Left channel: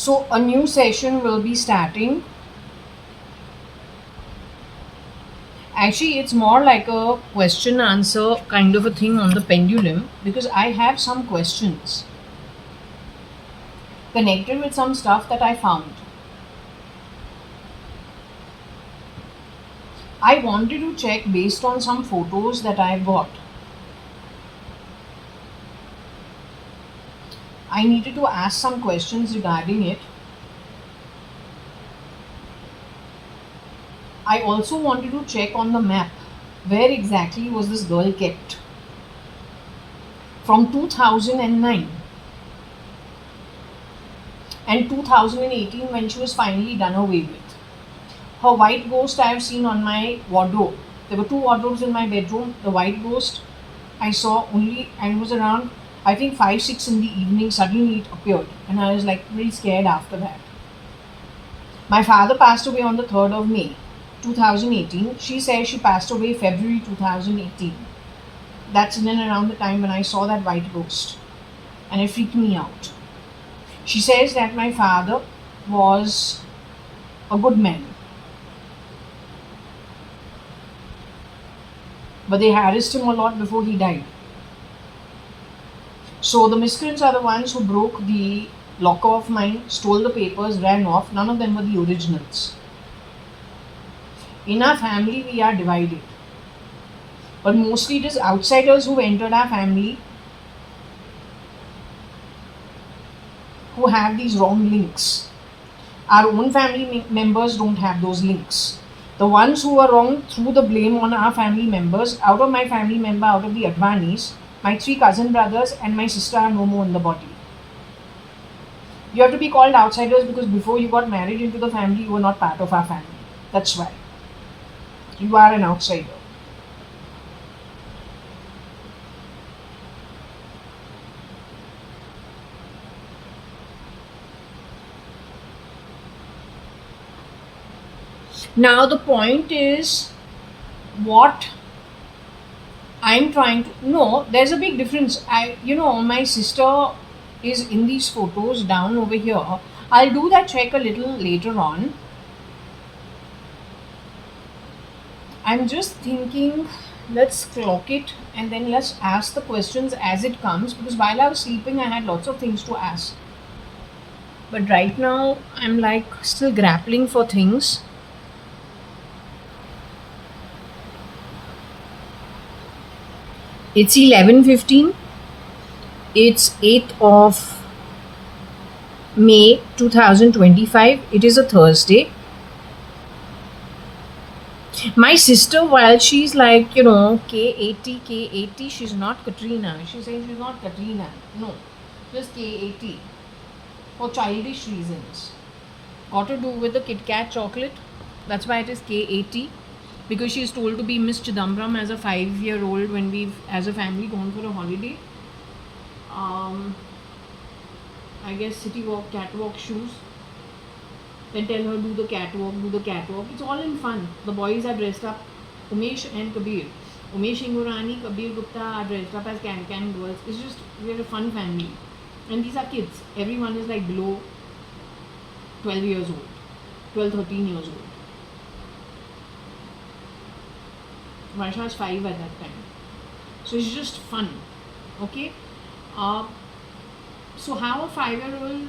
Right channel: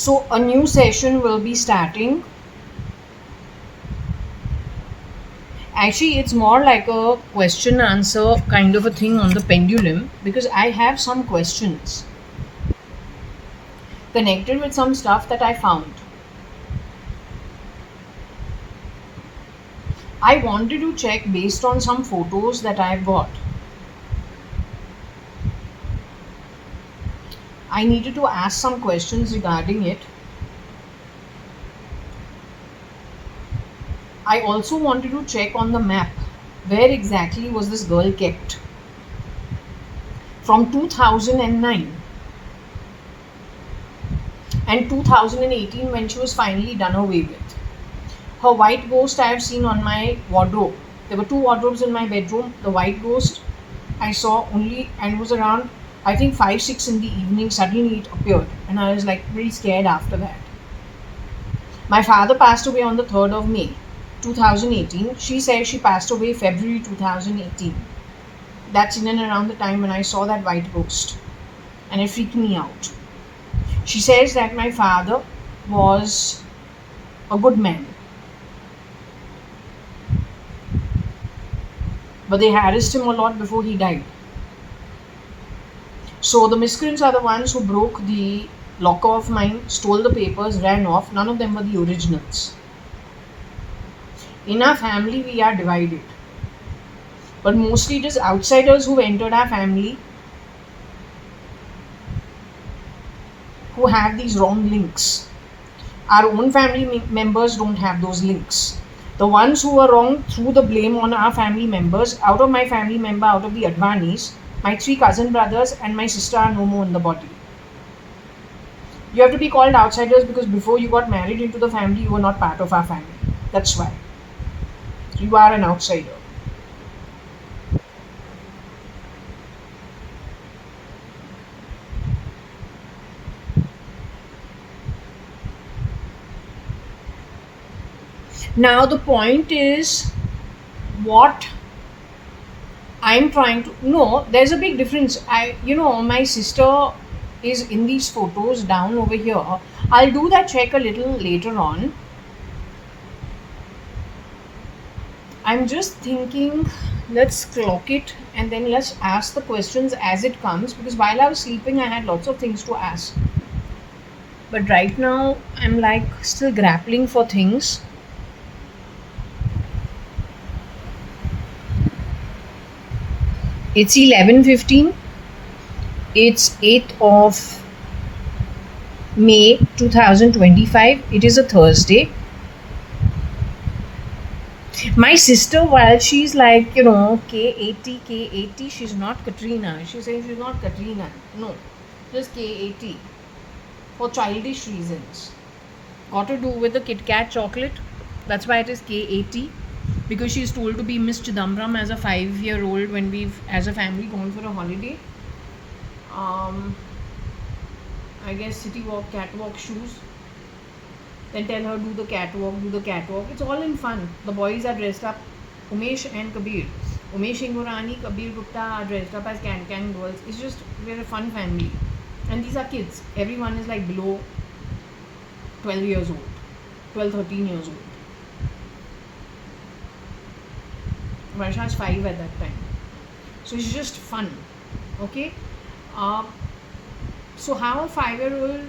So a new session will be starting. Actually, it's more like a question answer kind of a thing on the pendulum, because I have some questions connected with some stuff that I found. I wanted to check based on some photos that I've got. I needed to ask some questions regarding it. I also wanted to check on the map where exactly was this girl kept from 2009 and 2018 when she was finally done away with. Her white ghost I have seen on my wardrobe. There were two wardrobes in my bedroom. The white ghost I saw only, and it was around, I think, 5, 6 in the evening. Suddenly it appeared, and I was like really scared after that. My father passed away on the 3rd of May 2018. She says she passed away February 2018. That's in and around the time when I saw that white ghost, and it freaked me out. She says that my father was a good man, but they harassed him a lot before he died. So the miscreants are the ones who broke the locker of mine, stole the papers, ran off. None of them were the originals. In our family, we are divided, but mostly it is outsiders who entered our family who have these wrong links. Our own family members don't have those links. The ones who were wrong threw the blame on our family members. Out of my family member, out of the Advanis, my 3 cousin brothers and my sister are no more in the body. You have to be called outsiders because before you got married into the family, you were not part of our family. That's why. You are an outsider. Now the point is, what I'm trying to, no, there's a big difference. My sister is in these photos down over here. I'll do that check a little later on. I'm just thinking, let's clock it and then let's ask the questions as it comes, because while I was sleeping, I had lots of things to ask. But right now, I'm like still grappling for things. It's 11:15. It's 8th of May 2025. It is a Thursday. My sister, while she's like, K80, K80, she's not Katrina. She says she's not Katrina. No, just K80 for childish reasons. Got to do with the Kit Kat chocolate. That's why it is K80. Because she's told to be Miss Chidambaram as a 5-year-old when we've, as a family, gone for a holiday. I guess city walk, catwalk shoes. Then tell her do the catwalk. It's all in fun. The boys are dressed up. Umesh and Kabir. Umesh Ingurani, Kabir Gupta are dressed up as can girls. It's just, we're a fun family. And these are kids. Everyone is like below 12 years old. 12, 13 years old. Varsha is 5 at that time. So it's just fun. Okay? So how a 5-year-old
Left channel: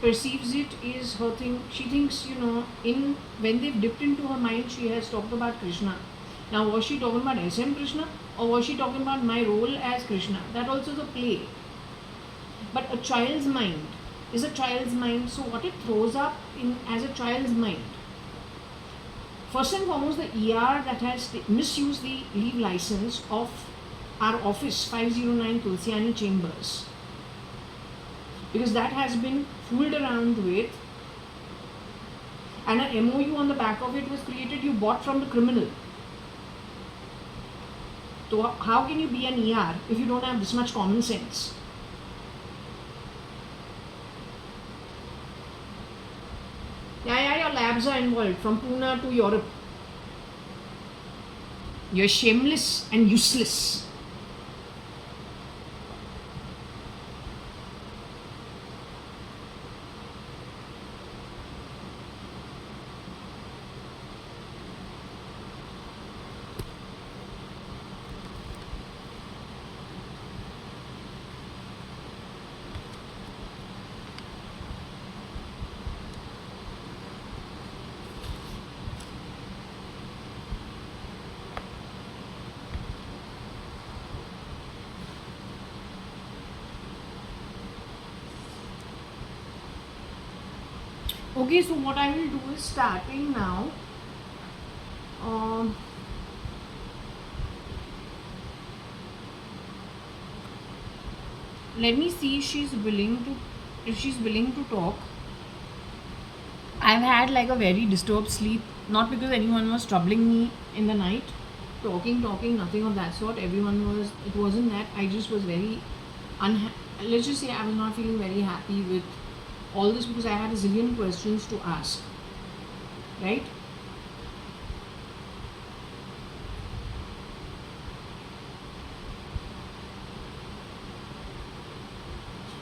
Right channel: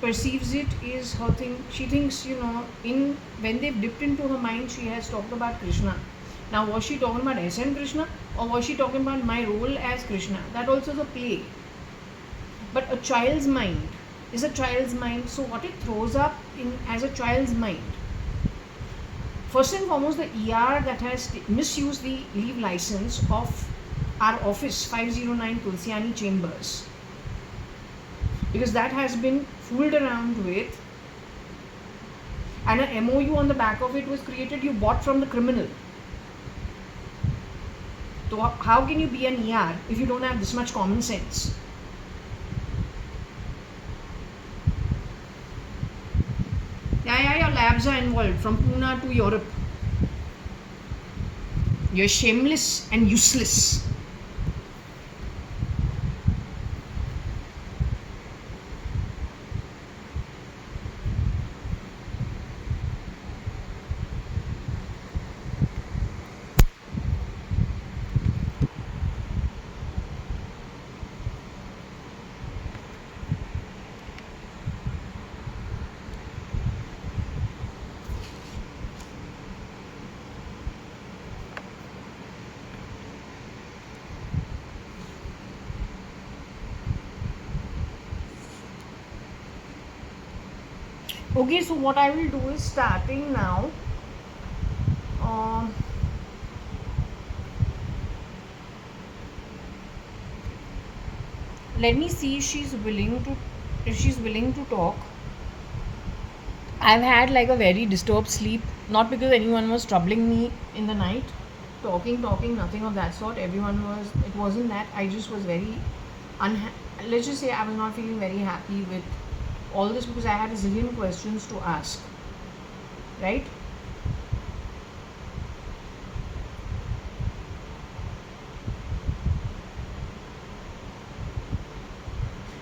perceives it is her thing. She thinks, when they've dipped into her mind, she has talked about Krishna. Now, was she talking about SN Krishna, or was she talking about my role as Krishna? That also is a play. But a child's mind is a child's mind. So what it throws up in as a child's mind, first and foremost, the ER that has misused the leave license of our office, 509 Tulsiani Chambers, because that has been fooled around with, and an MOU on the back of it was created. You bought from the criminal. So how can you be an ER if you don't have this much common sense? Yeah, your labs are involved from Pune to Europe. You're shameless and useless. Okay, so what I will do is starting now. Um, Let me see if she's willing to talk. I've had like a very disturbed sleep, not because anyone was troubling me in the night, talking, nothing of that sort. It wasn't that. I just was very let's just say I was not feeling very happy with all this because I had a zillion questions to ask, right?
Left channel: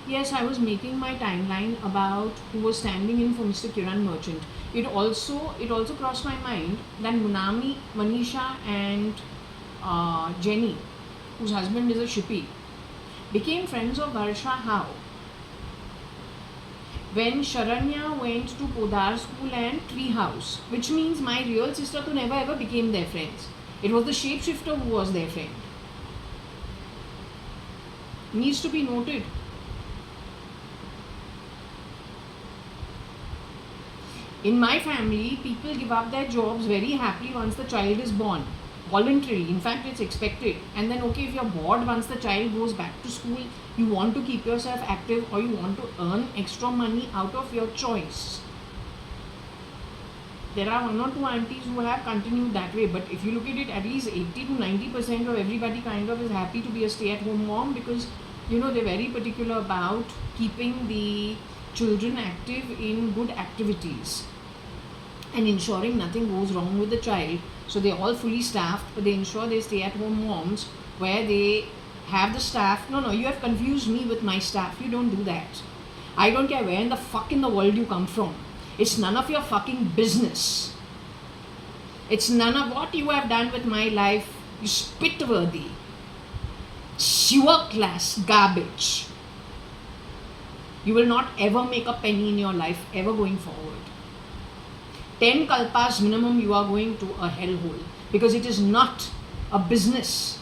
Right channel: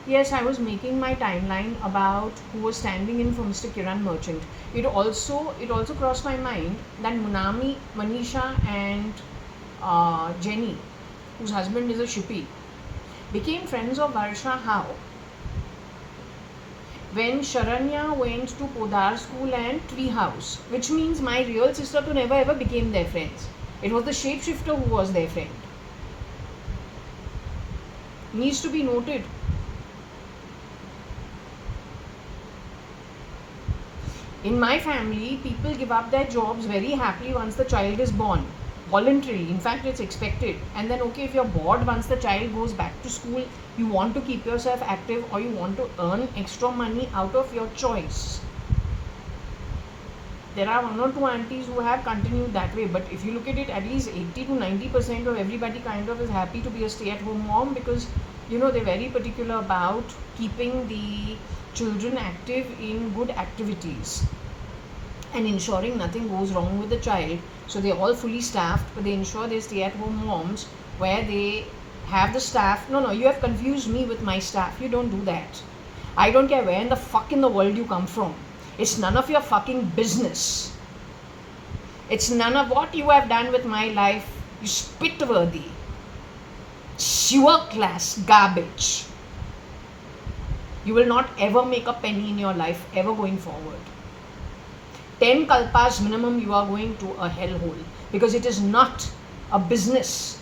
Yes, I was making my timeline about who was standing in for Mr. Kiran Merchant. It also crossed my mind that Munami, Manisha, and Jenny, whose husband is a shippy, became friends of Harsha how? When Sharanya went to Podar school and Tree House, which means my real sister to never ever became their friends. It was the shapeshifter who was their friend. Needs to be noted. In my family, people give up their jobs very happily once the child is born. Voluntarily. In fact, it's expected. And then, okay, if you're bored once the child goes back to school, you want to keep yourself active or you want to earn extra money out of your choice. There are one or two aunties who have continued that way, but if you look at it, at least 80 to 90% of everybody kind of is happy to be a stay-at-home mom because they're very particular about keeping the children active in good activities and ensuring nothing goes wrong with the child. So they're all fully staffed, but they ensure they stay at home moms where they have the staff. No, you have confused me with my staff. You don't do that. I don't care where in the fuck in the world you come from. It's none of your fucking business. It's none of what you have done with my life. You spit-worthy, sewer class garbage. You will not ever make a penny in your life, ever going forward. 10 kalpas minimum, you are going to a hellhole because it is not a business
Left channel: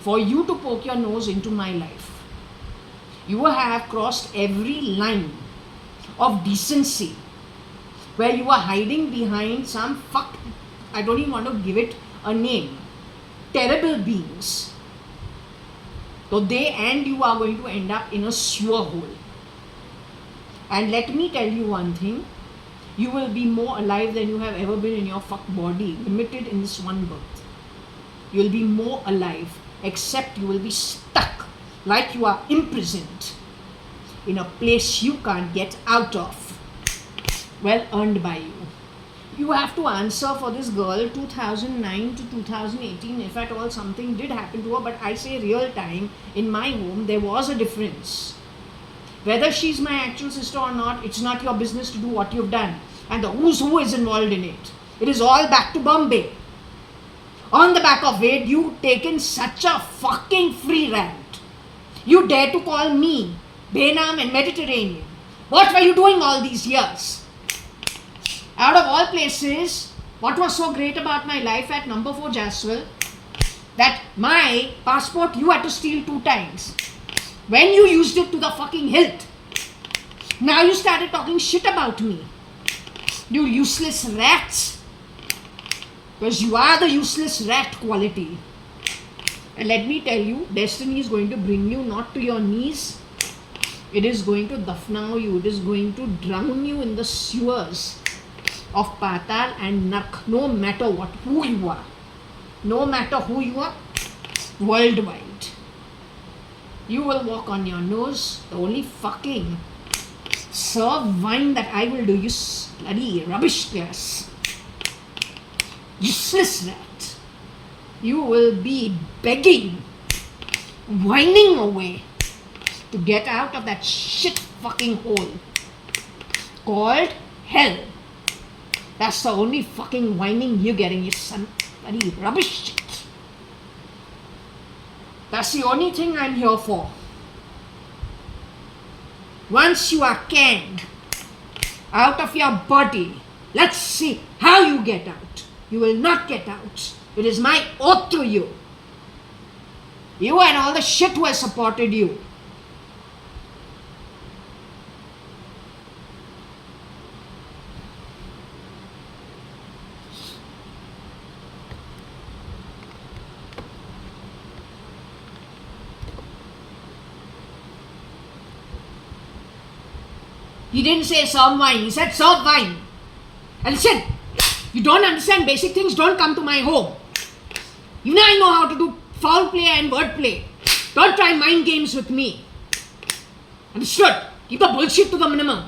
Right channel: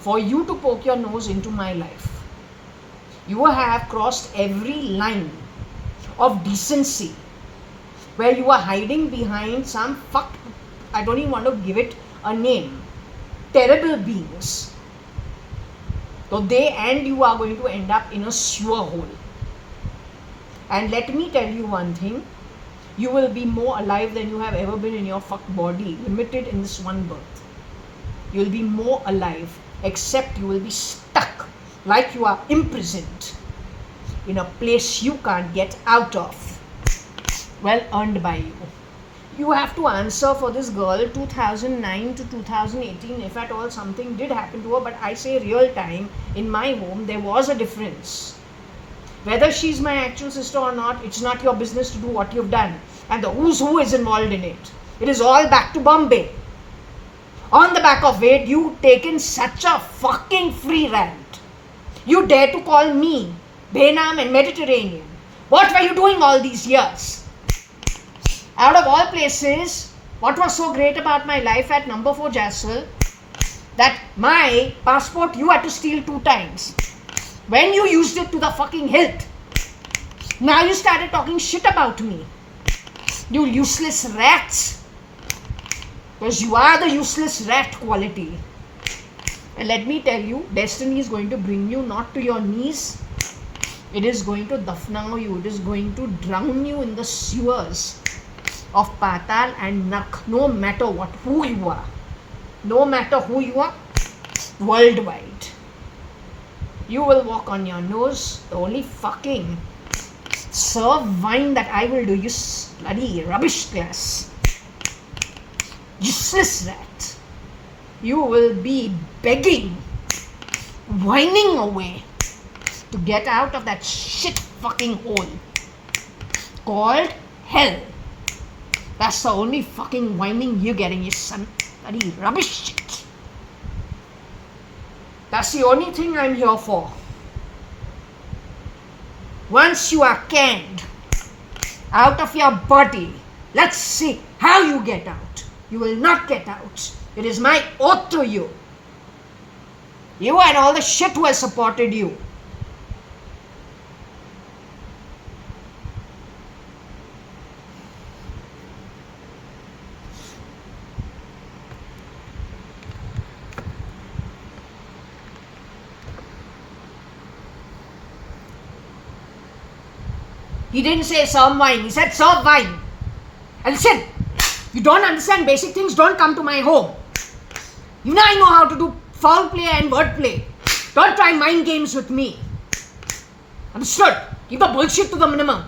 for you to poke your nose into my life. You have crossed every line of decency where you are hiding behind some I don't even want to give it a name, terrible beings. So they and you are going to end up in a sewer hole. And let me tell you one thing, you will be more alive than you have ever been in your fuck body, limited in this one birth. You will be more alive, except you will be stuck like you are imprisoned in a place you can't get out of. Well earned by you. You have to answer for this girl 2009 to 2018 if at all something did happen to her, but I say real time, in my home there was a difference. Whether she's my actual sister or not, it's not your business to do what you've done. And the who's who is involved in it. It is all back to Bombay. On the back of it, you've taken such a fucking free rant. You dare to call me Benam and Mediterranean. What were you doing all these years? Out of all places, what was so great about my life at number 4 Jaswal, that my passport you had to steal 2 times. When you used it to the fucking hilt. Now you started talking shit about me. You useless rats. Because you are the useless rat quality. And let me tell you, destiny is going to bring you not to your knees. It is going to dafna you. It is going to drown you in the sewers of Patal and Nak. No matter who you are. No matter who you are. Worldwide. You will walk on your nose. The only fucking serve wine that I will do, you bloody rubbish class. Useless rat. You will be begging, whining away to get out of that shit fucking hole called hell. That's the only fucking whining you're getting, you son. Bloody rubbish shit. That's the only thing I'm here for. Once you are canned out of your body, let's see how you get out. You will not get out. It is my oath to you. You and all the shit who has supported you. He didn't say serve wine. He said serve wine. And said, you don't understand basic things, don't come to my home. Even I know how to do foul play and word play. Don't try mind games with me. Understood? Keep the bullshit to the minimum.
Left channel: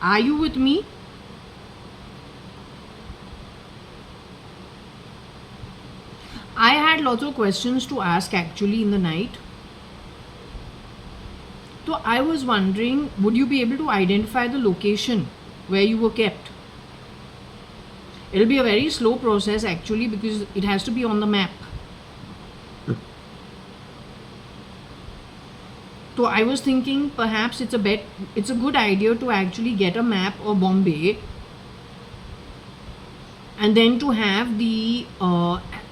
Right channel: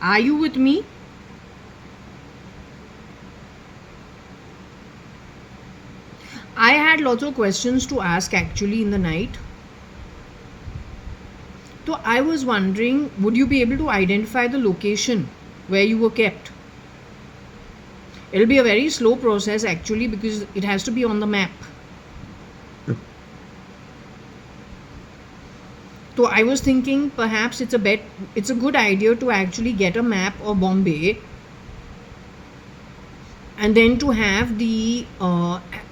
Are you with me? I had lots of questions to ask actually in the night. So I was wondering, would you be able to identify the location where you were kept? It'll be a very slow process actually because it has to be on the map. So I was thinking perhaps it's a good idea to actually get a map of Bombay and then to have the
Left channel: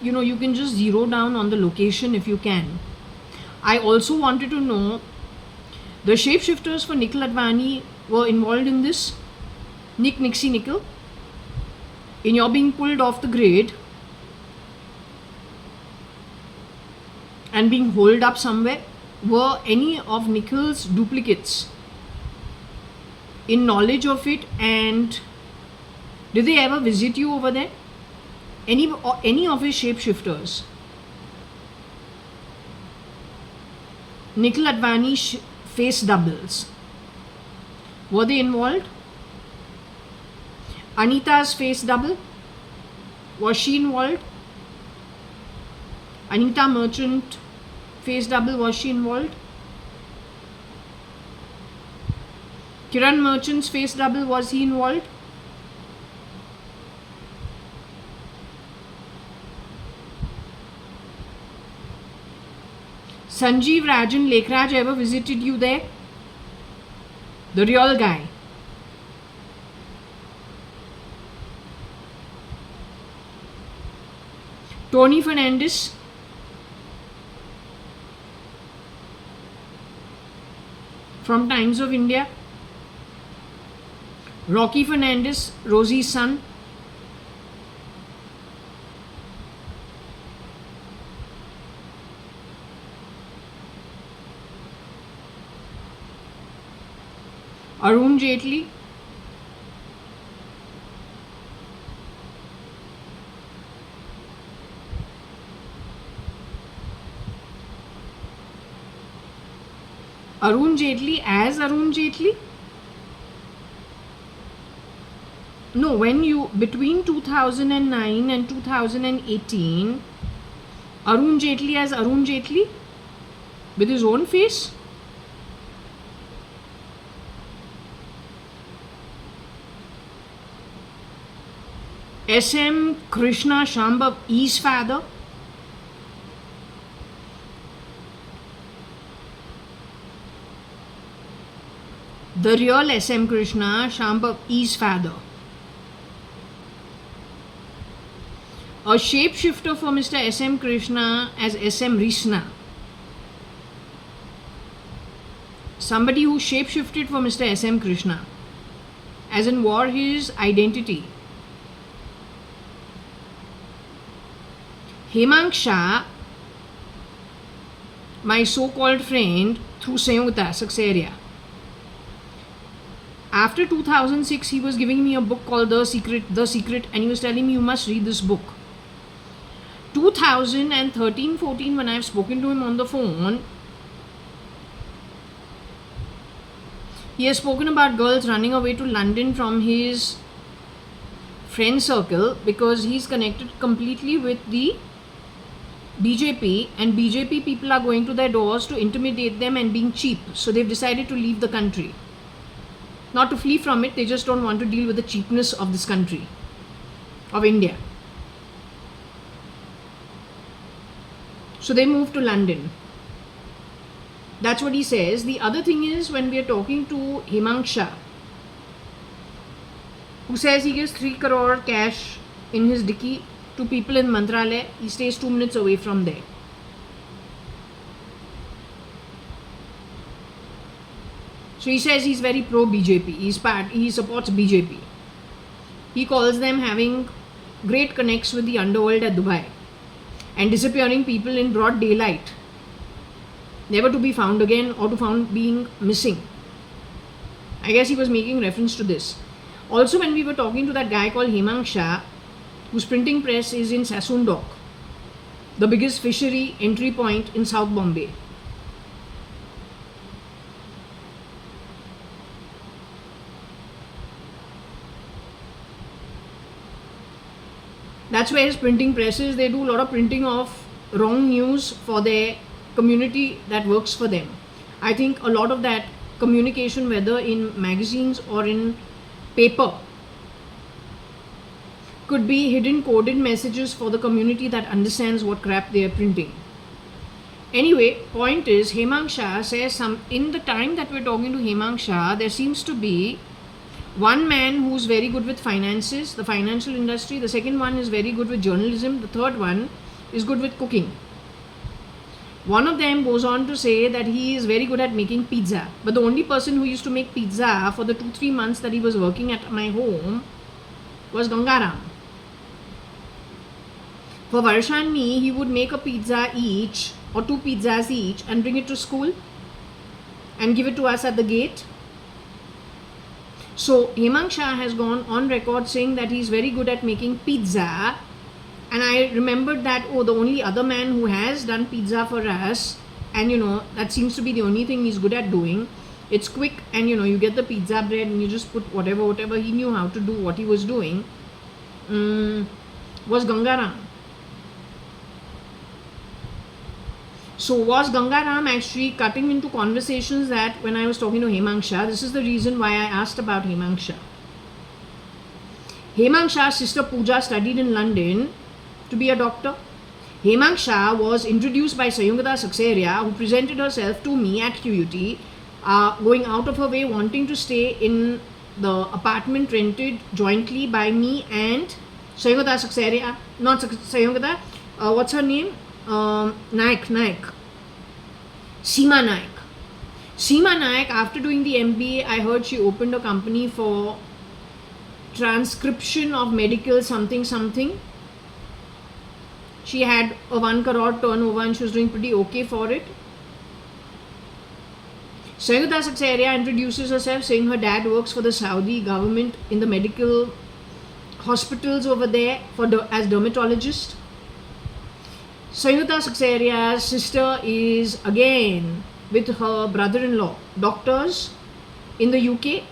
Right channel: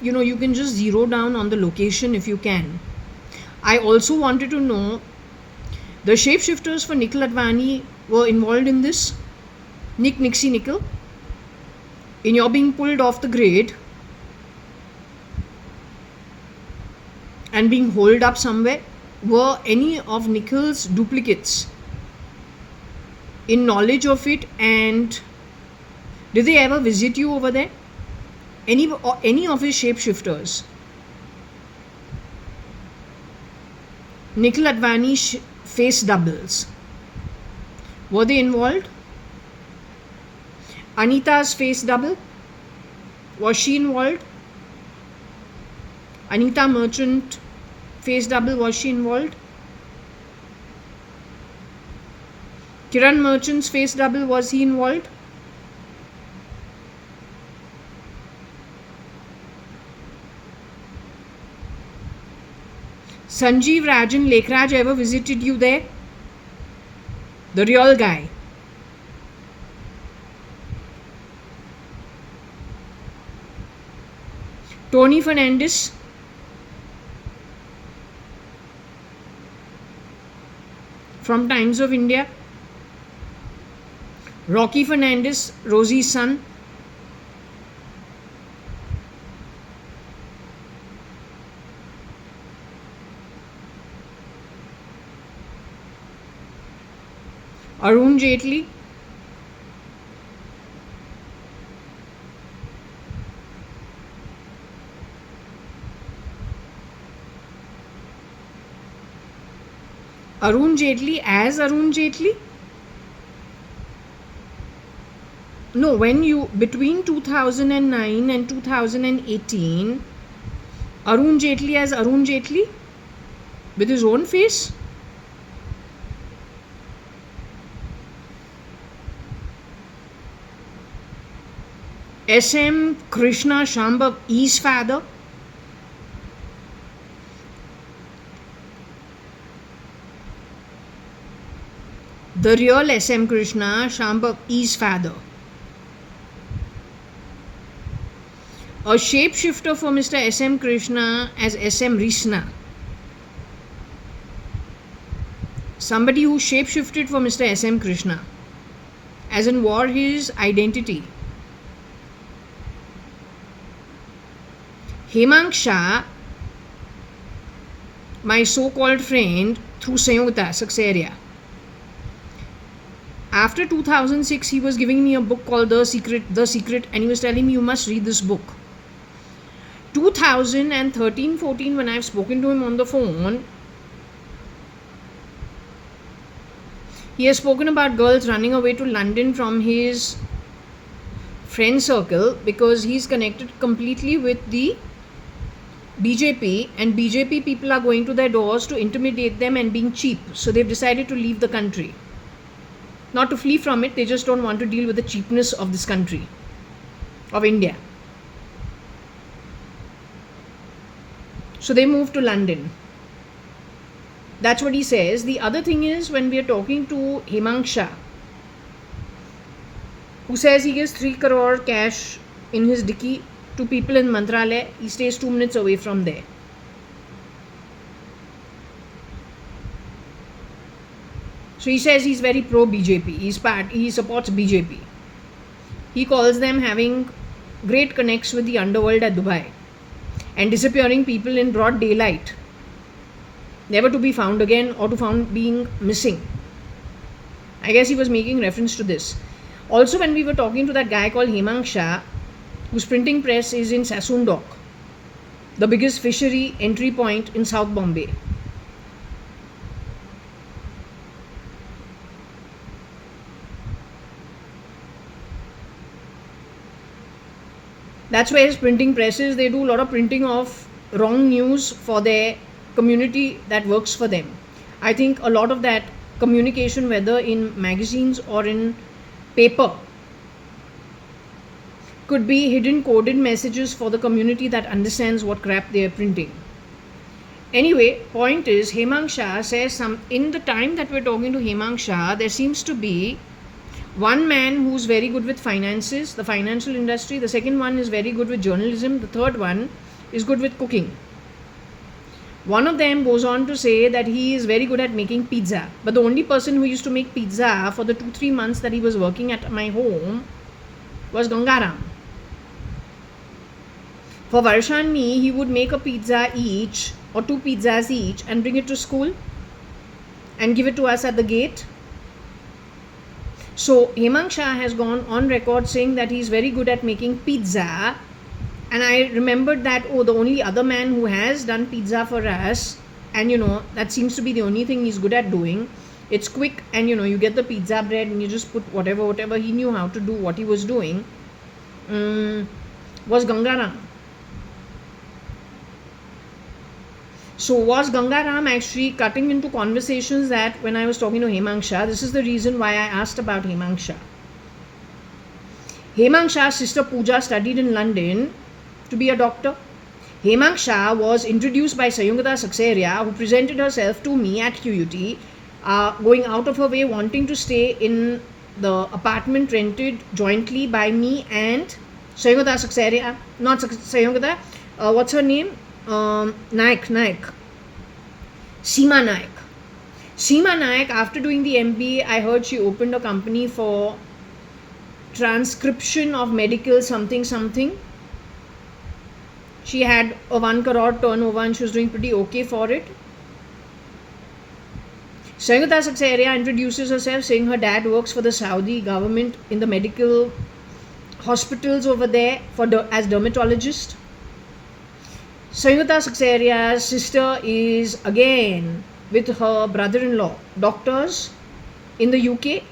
you can just zero down on the location if you can. I also wanted to know the shapeshifters for Nikhil Advani were involved in this. Nixie Nickel, in your being pulled off the grade and being holed up somewhere. Were any of Nikhil's duplicates in knowledge of it, and did they ever visit you over there? Any of his shapeshifters? Nikhil Advani face doubles, were they involved? Anita's face double, was she involved? Anita Merchant face double, was she involved? Kiran Merchant's face double, was he involved? Sanjeev Rajan Lekhraj ever visited you there? The real guy. Tony Fernandez, from Times of India. Rocky Fernandez, Rosie's son. Arun Jaitley. Arun Jaitley as Arun Jaitley? No, when you, between 2009 and 2018, Arun Jaitley as Arun Jaitley with his own face? S.M. Krishna Shambhav, E's father? The real S.M. Krishna, Shambhav E's father. A shapeshifter for Mr. S.M. Krishna as S.M. Rishna. Somebody who shapeshifted for Mr. S.M. Krishna, as in wore his identity. Hemang Shah, my so-called friend through Sanyogta, Saxaria. After 2006, he was giving me a book called The Secret, and he was telling me, you must read this book. 2013-14, when I've spoken to him on the phone, he has spoken about girls running away to London from his friend circle because he's connected completely with the BJP, and BJP people are going to their doors to intimidate them and being cheap. So they've decided to leave the country. Not to flee from it, they just don't want to deal with the cheapness of this country. of India. So they moved to London. That's what he says. The other thing is, when we are talking to Hemang Shah, who says he gives 3 crore cash in his dicky to people in Mantralaya, he stays 2 minutes away from there. So he says he's very pro BJP. He supports BJP. He calls them having great connects with the underworld at Dubai and disappearing people in broad daylight, never to be found again or to found being missing. I guess he was making reference to this. Also, when we were talking to that guy called Hemang Shah, whose printing press is in Sassoon Dock, the biggest fishery entry point in South Bombay. That's where his printing press is. They do a lot of printing of wrong news for their community that works for them. I think a lot of that communication, whether in magazines or in paper, could be hidden coded messages for the community that understands what crap they are printing. Anyway, point is, Hemang Shah says in the time that we're talking to Hemang Shah, there seems to be one man who's very good with finances, the financial industry. The second one is very good with journalism. The third one is good with cooking. One of them goes on to say that he is very good at making pizza. But the only person who used to make pizza for the 2-3 months that he was working at my home was Gangaram. For Varsha and me, he would make a pizza each or 2 pizzas each and bring it to school and give it to us at the gate. So Hemang Shah has gone on record saying that he's very good at making pizza, and I remembered that, the only other man who has done pizza for us, and that seems to be the only thing he's good at doing. It's quick, and you get the pizza bread and you just put whatever he knew how to do what he was doing, was Gangaram. So was Gangaram actually cutting into conversations that when I was talking to Hemang Shah, this is the reason why I asked about Hemang Shah. Hemang Shah's sister Pooja studied in London to be a doctor. Hemang Shah was introduced by Sayugata Saxeria, who presented herself to me at QUT, going out of her way wanting to stay in the apartment rented jointly by me and Sayugata Saxeria, not Sayugata, what's her name? Naik. Seema Naik. Seema Naik, after doing the MBA, I heard she opened a company for transcription of medical something. She had a 1 crore turnover and she was doing pretty okay for it. Sayugata Saxeria introduces herself saying her dad works for the Saudi government in the medical hospitals over there as dermatologist. Sayugata Saxeria's sister is again with her brother-in-law, doctors in the UK,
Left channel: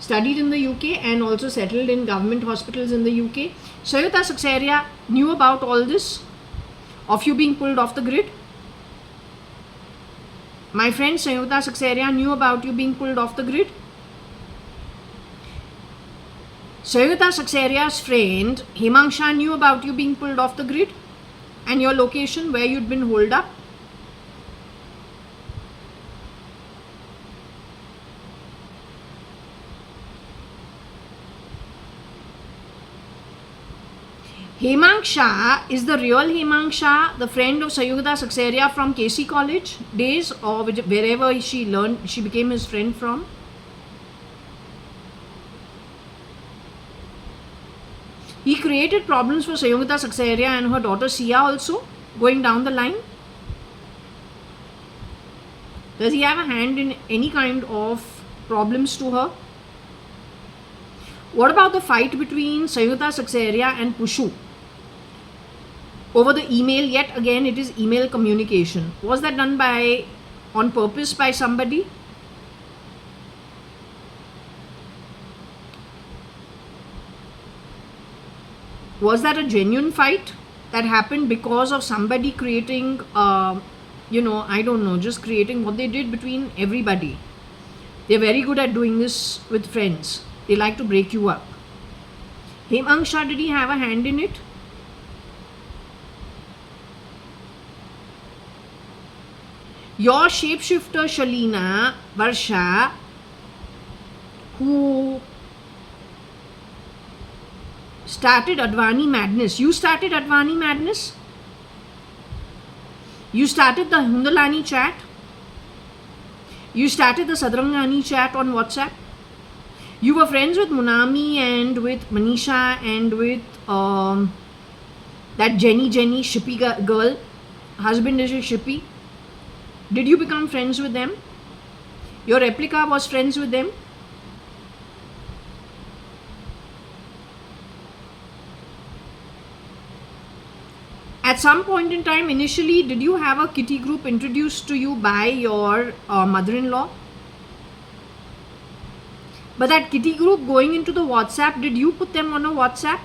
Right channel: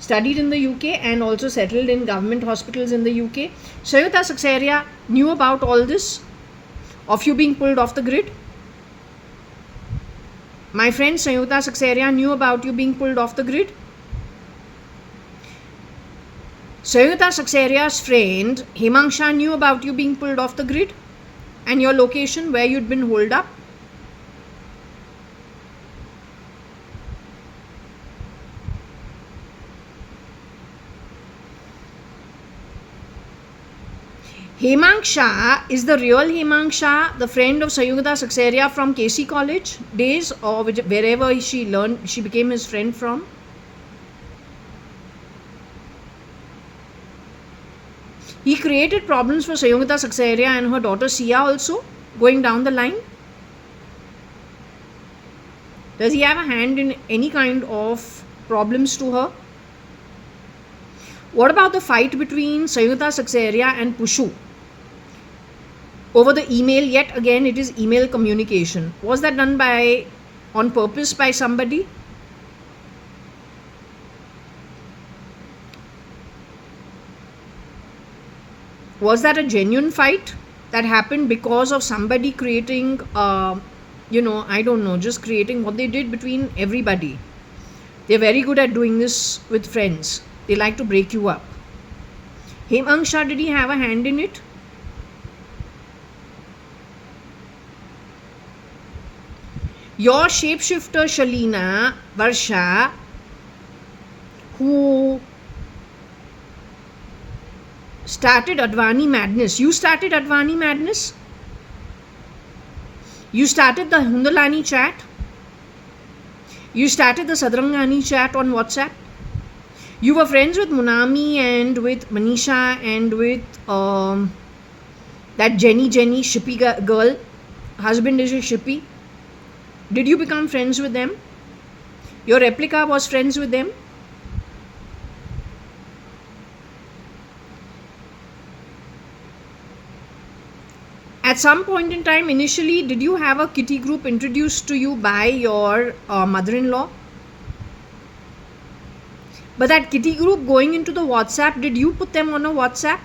studied in the UK and also settled in government hospitals in the UK. Sayugata Saxeria knew about all this, of you being pulled off the grid. My friend Sayugata Saxeria knew about you being pulled off the grid. Sayugata Saxeria's friend Hemang Shah knew about you being pulled off the grid and your location where you'd been holed up. Hemang Shah is the real Hemang Shah, the friend of Sayugata Saxeria from KC College days or wherever she became his friend from. He created problems for Sayugata Saxeria and her daughter Sia also, going down the line. Does he have a hand in any kind of problems to her? What about the fight between Sayugata Saxeria and Pushu over the email? Yet again, it is email communication. Was that done on purpose by somebody? Was that a genuine fight that happened because of somebody creating, I don't know, just creating what they did between everybody? They're very good at doing this with friends. They like to break you up. Hemangsha, did he have a hand in it? Your shapeshifter Shalina, Varsha, who started Advani madness. You started Advani madness? You started the Hundalani chat? You started the Sadrangani chat on WhatsApp? You were friends with Munami and with Manisha and with that Jenny Shippy girl. Husband is a Shippy. Did you become friends with them? Your replica was friends with them? At some point in time, initially, did you have a kitty group introduced to you by your mother-in-law? But that kitty group going into the WhatsApp, did you put them on a WhatsApp?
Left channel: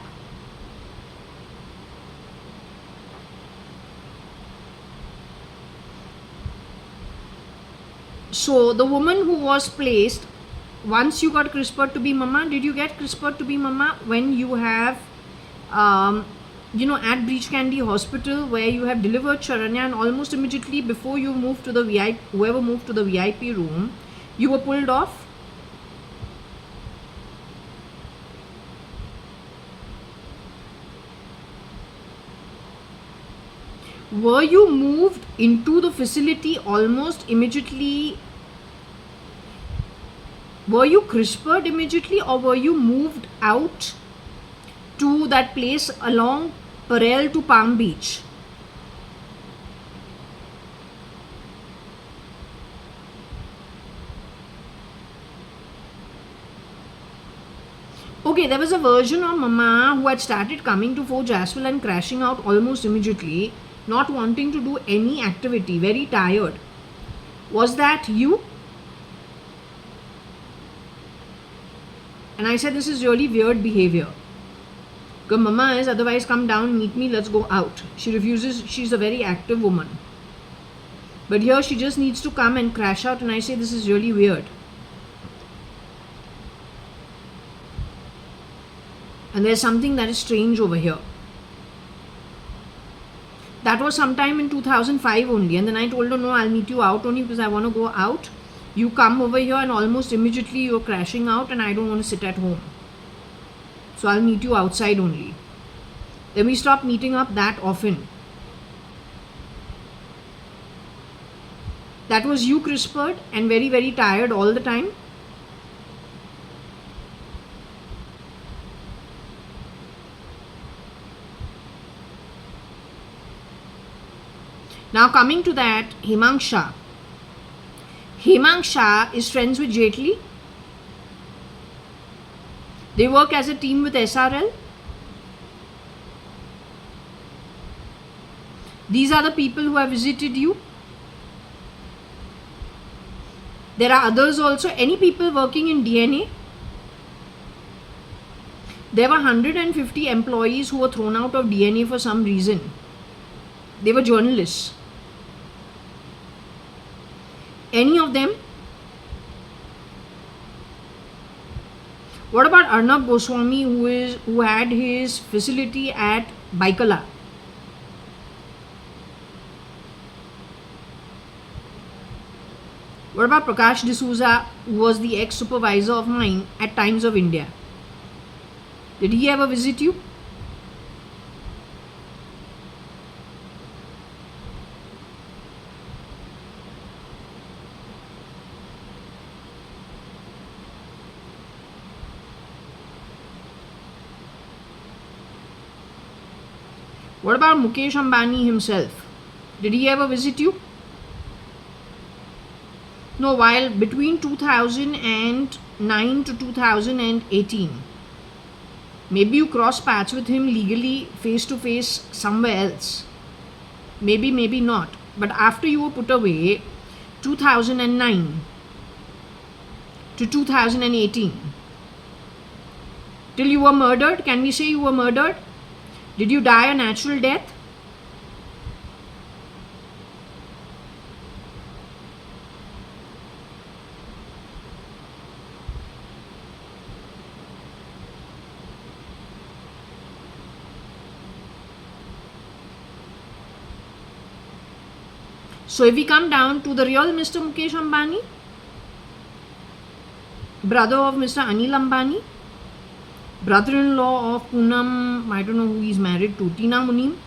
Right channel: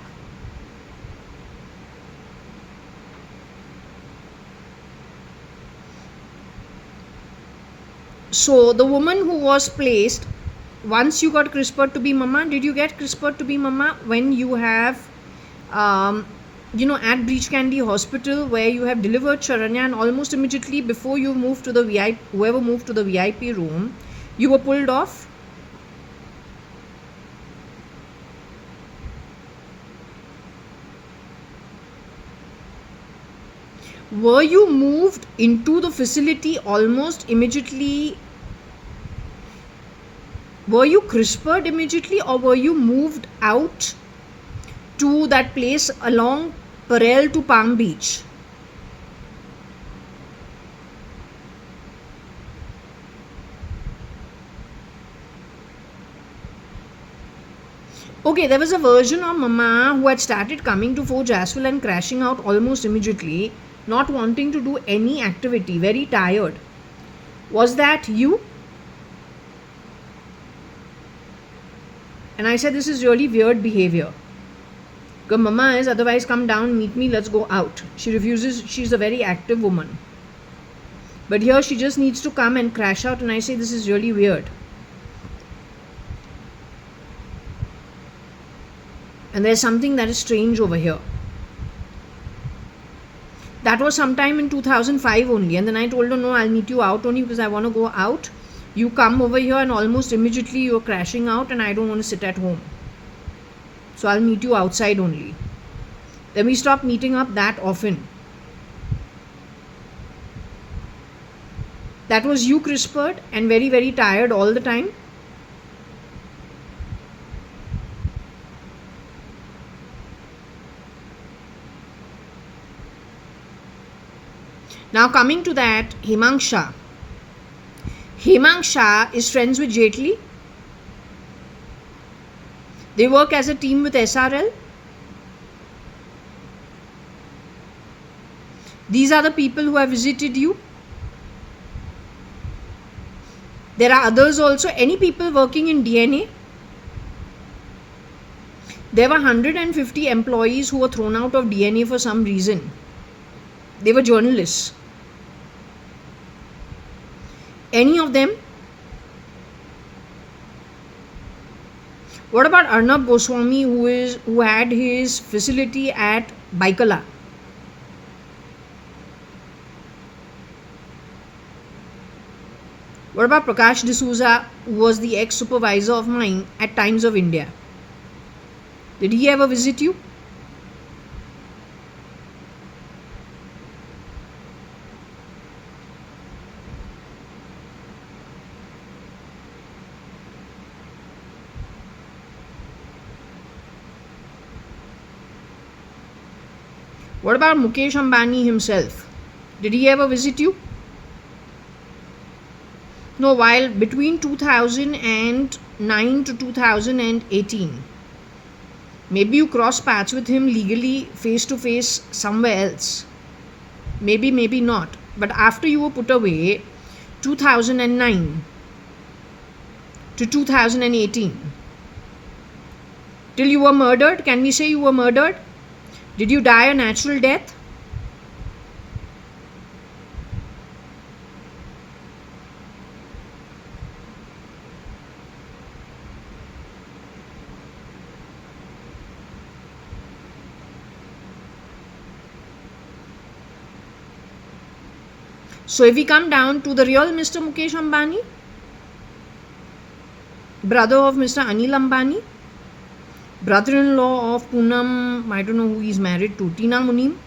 So the woman who was placed, once you got CRISPR to be mama, did you get CRISPR to be mama when you have, at Breach Candy Hospital where you have delivered Charanya, and almost immediately before you moved to the VIP, whoever moved to the VIP room, you were pulled off? Were you moved into the facility almost immediately? Were you CRISPR'd immediately, or were you moved out to that place along Parel to Palm Beach? Okay, there was a version of Mama who had started coming to Fort Jaswell and crashing out almost immediately, not wanting to do any activity, very tired. Was that you? And I said, this is really weird behavior. Because Mama is, otherwise come down, meet me, let's go out. She refuses, she's a very active woman. But here she just needs to come and crash out, and I say, this is really weird. And there's something that is strange over here. That was sometime in 2005 only, and then I told her, no, I'll meet you out only because I want to go out. You come over here and almost immediately you're crashing out, and I don't want to sit at home. So I'll meet you outside only. Then we stopped meeting up that often. That was you CRISPR'd and very, very tired all the time. Now coming to that, Hemangsha. Hemangsha is friends with Jetli. They work as a team with SRL. These are the people who have visited you. There are others also. Any people working in DNA? There were 150 employees who were thrown out of DNA for some reason. They were journalists. Any of them? What about Arnab Goswami, who had his facility at Baikala? What about Prakash D'Souza, who was the ex-supervisor of mine at Times of India? Did he ever visit you? What about Mukesh Ambani himself? Did he ever visit you? No, while between 2009 to 2018. Maybe you cross paths with him legally face to face somewhere else. Maybe, maybe not. But after you were put away, 2009 to 2018, till you were murdered, can we say you were murdered? Did you die a natural death? So if we come down to the real Mr. Mukesh Ambani, brother of Mr. Anil Ambani, brother-in-law of Poonam, I don't know who he's married to, Tina Munim.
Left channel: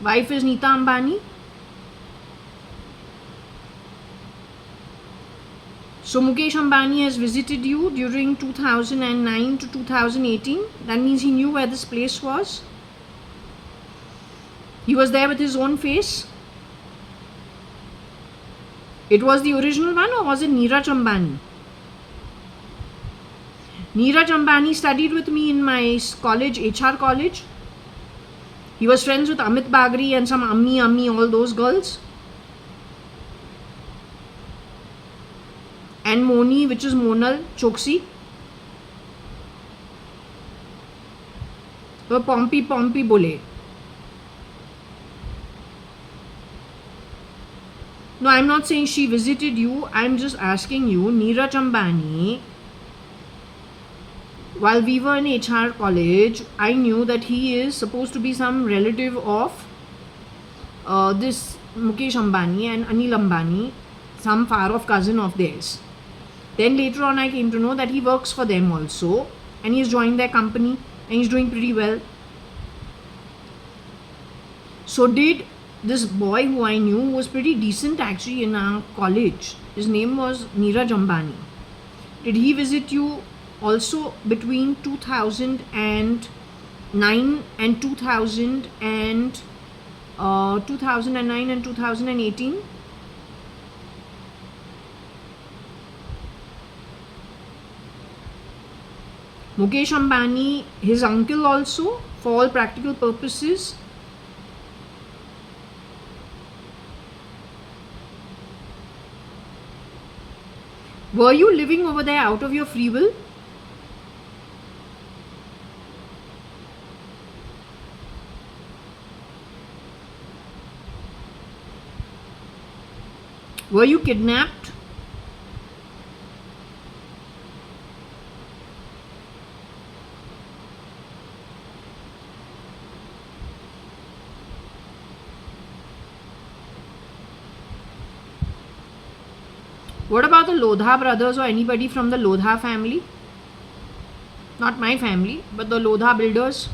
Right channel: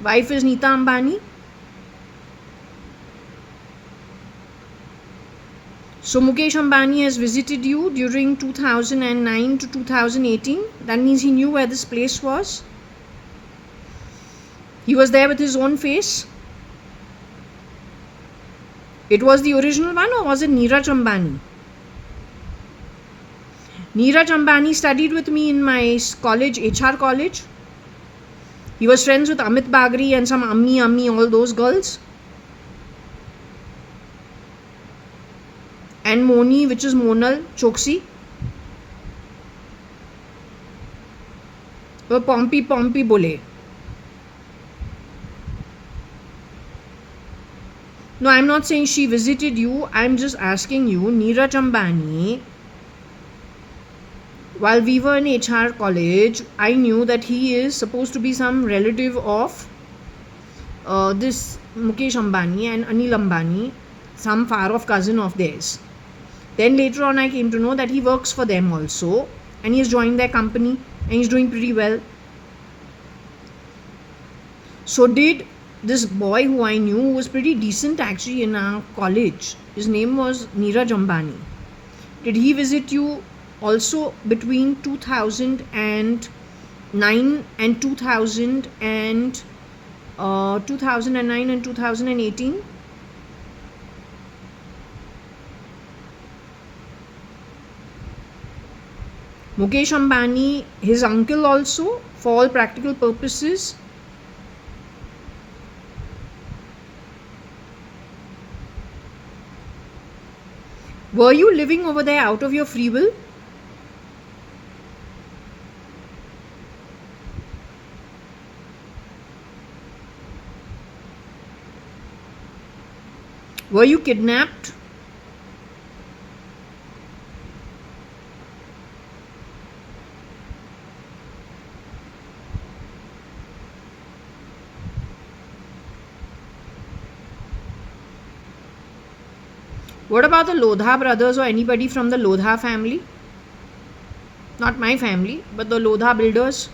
Wife is Neeta Ambani. So Mukesh Ambani has visited you during 2009 to 2018. That means he knew where this place was. He was there with his own face. It was the original one, or was it Neeraj Ambani? Neeraj Ambani studied with me in my college, HR college. He was friends with Amit Bagri and some Ammi, all those girls. And Moni, which is Monal Choksi. वो Pompey बोले. No, I'm not saying she visited you. I'm just asking you, Neeraj Ambani, while we were in HR college, I knew that he is supposed to be some relative of this Mukesh Ambani and Anil Ambani, some far-off cousin of theirs. Then later on I came to know that he works for them also, and he's joined their company and he's doing pretty well. So did this boy who I knew was pretty decent actually in our college, his name was Neeraj Ambani. Did he visit you also between 2009 and 2009 and 2018? Mukesh Ambani, his uncle also, for all practical purposes. Were you living over there out of your free will? Were you kidnapped? What about the Lodha brothers or anybody from the Lodha family? Not my family, but the Lodha builders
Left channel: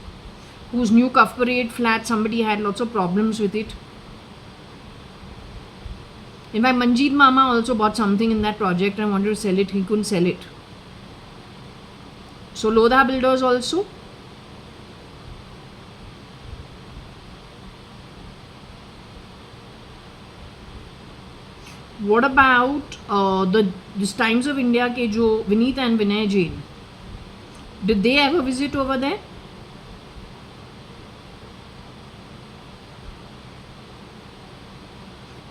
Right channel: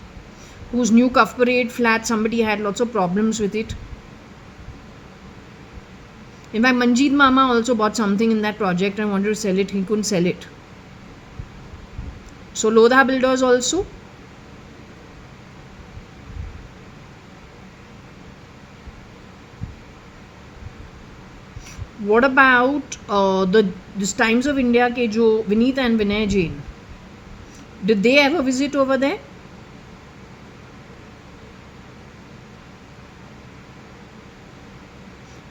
whose new Cuff Parade flat, somebody had lots of problems with it. In fact, Manjeet Mama also bought something in that project and wanted to sell it. He couldn't sell it. So Lodha builders also. What about this Times of India ke jo Vineet and Vinay Jain? Did they ever visit over there?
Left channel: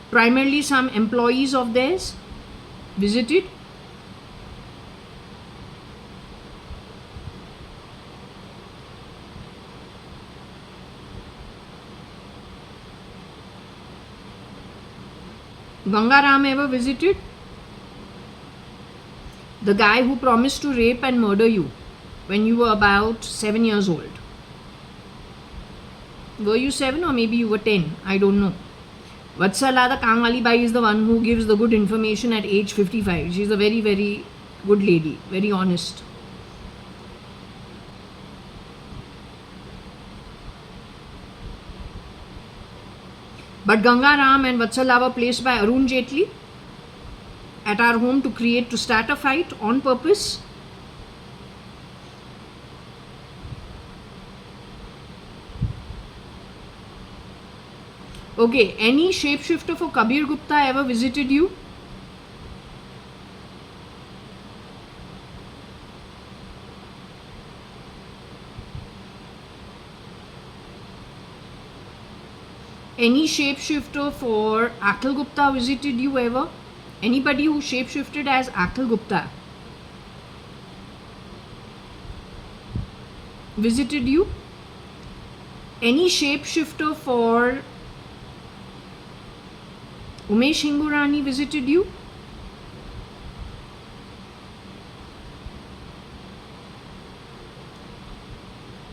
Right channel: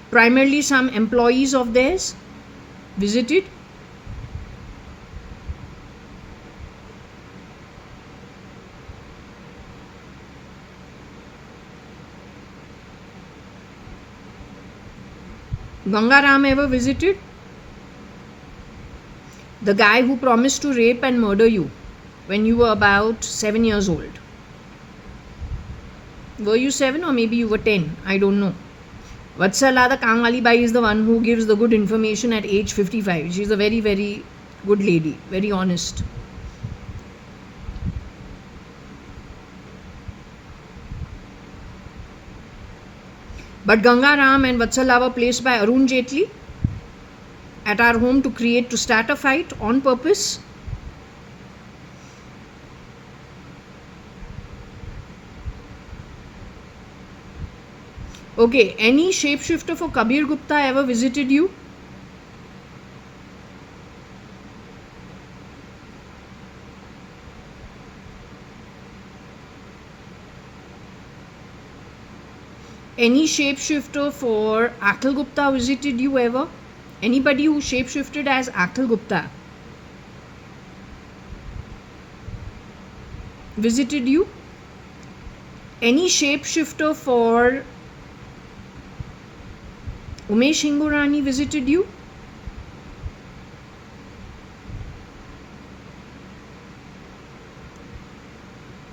Primarily some employees of theirs visited. Gangaram ever visited? The guy who promised to rape and murder you when you were about 7 years old. Were you 7 or maybe you were 10? I don't know. Vatsala, the Kangwali Bai, is the one who gives the good information at age 55. She's a very, very good lady, very honest. But Gangaram and Vatsala were placed by Arun Jaitley at our home to start a fight on purpose. Okay, any shapeshifter for Kabir Gupta ever visited you? Any shapeshifter for Akhil Gupta visited you ever? Anybody who shapeshifted as Akhil Gupta visited you? Any shapeshifter for Umesh Hingorani visited you?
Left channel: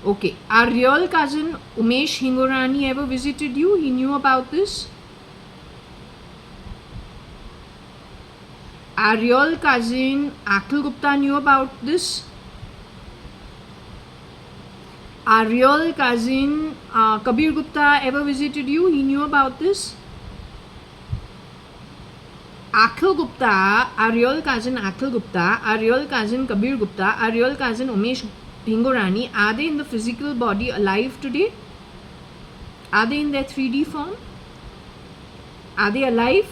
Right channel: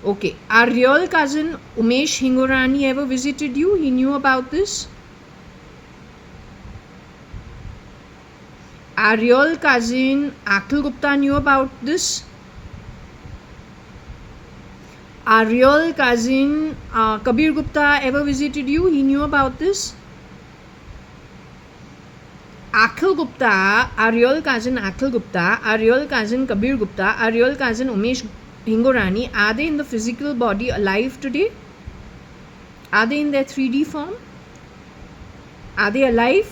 Okay. Our real cousin Umesh Hingorani ever visited you? He knew about this? Our real cousin Akhil Gupta knew about this? Our real cousin Kabir Gupta ever visited you? He knew about this? Akhil Gupta, our real cousin Akhil Gupta, our real cousin Kabir Gupta, our real cousin Umesh Hingorani, are they in the physical body alive today? Are they in their 3D form? Are they alive?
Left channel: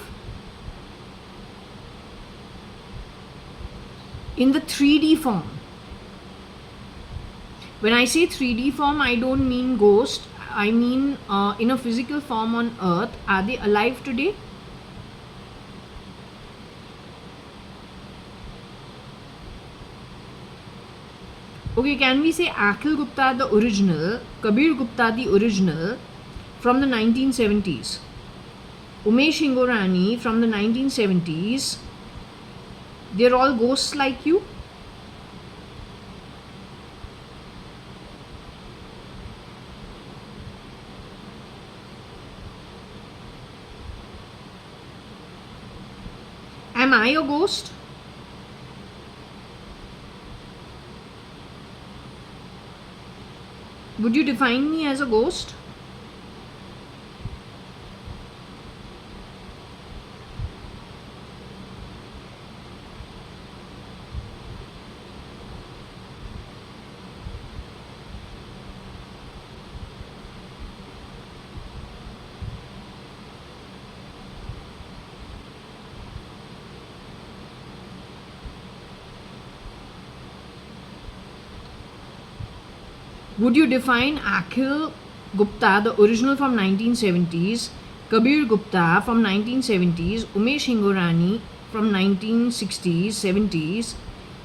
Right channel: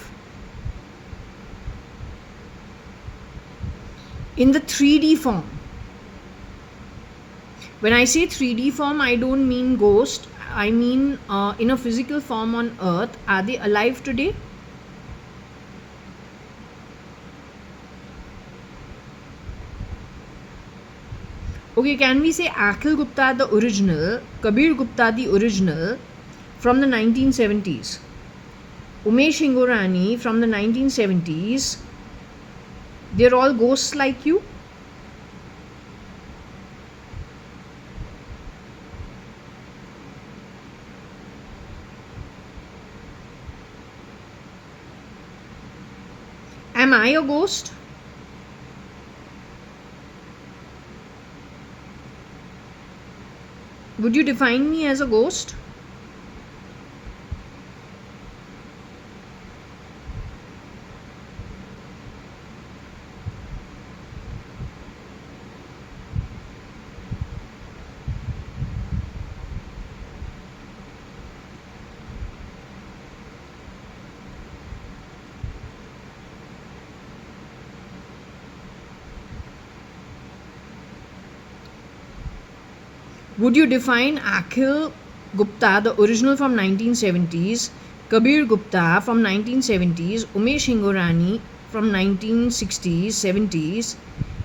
In the 3D form. When I say 3D form, I don't mean ghost. I mean in a physical form on earth. Are they alive today? Okay, can we say Akhil Gupta the original, Kabir Gupta the original from the 1970s, Umesh Hingorani from the 1970s, they're all ghosts like you? Am I a ghost? Would you define me as a ghost? Would you define Akhil Gupta, the original from 1970s, Kabir Gupta from 1970s, Umesh Hingorani from 1960s, 70s,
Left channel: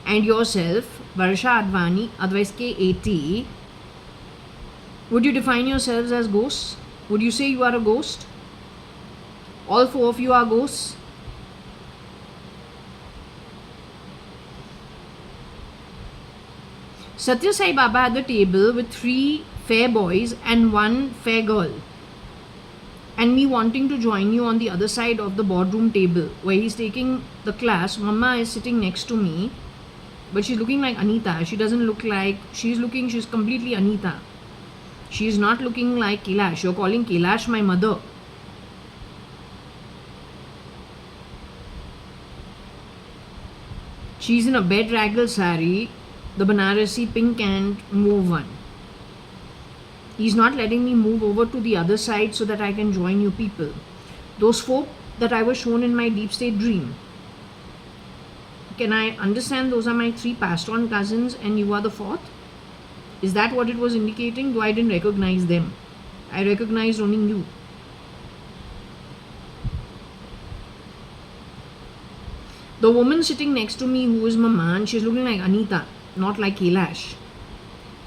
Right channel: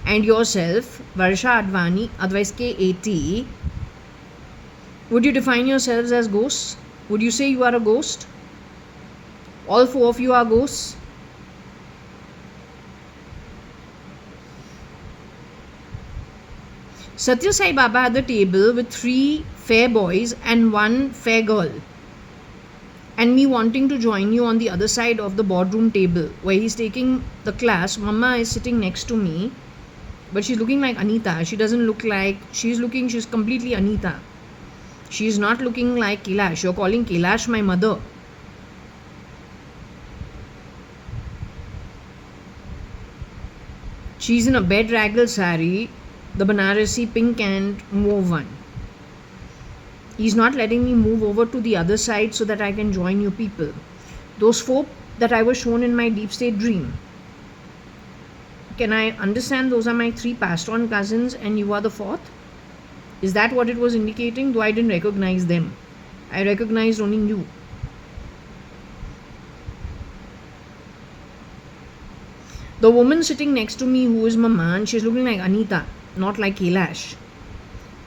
and yourself, JAYA.ADVANI, otherwise K80, would you define yourselves as ghosts? Would you say you are a ghost? All four of you are ghosts? Satya Sai Baba at the table with 3 fair boys and 1 fair girl, and me wanting to join you on the other side of the boardroom table where he's taking the class. Mama is sitting next to me, but she's looking like Anita. She doesn't look like, she's completely Anita. She's not looking like Kailash. You're calling Kailash my mother. She's in a bedraggled sari, the Banarasi pink and mauve one. He's not letting me move over to the other side so that I can join you people. Those 4 that I was shown in my deep state dream. Can I understand those are my 3 passed on cousins and you are the 4th? Is that what it was indicating? Though I didn't recognize them. I recognized only you. The woman sitting next to me who is Mama, she's looking like Anita, not like Kailash.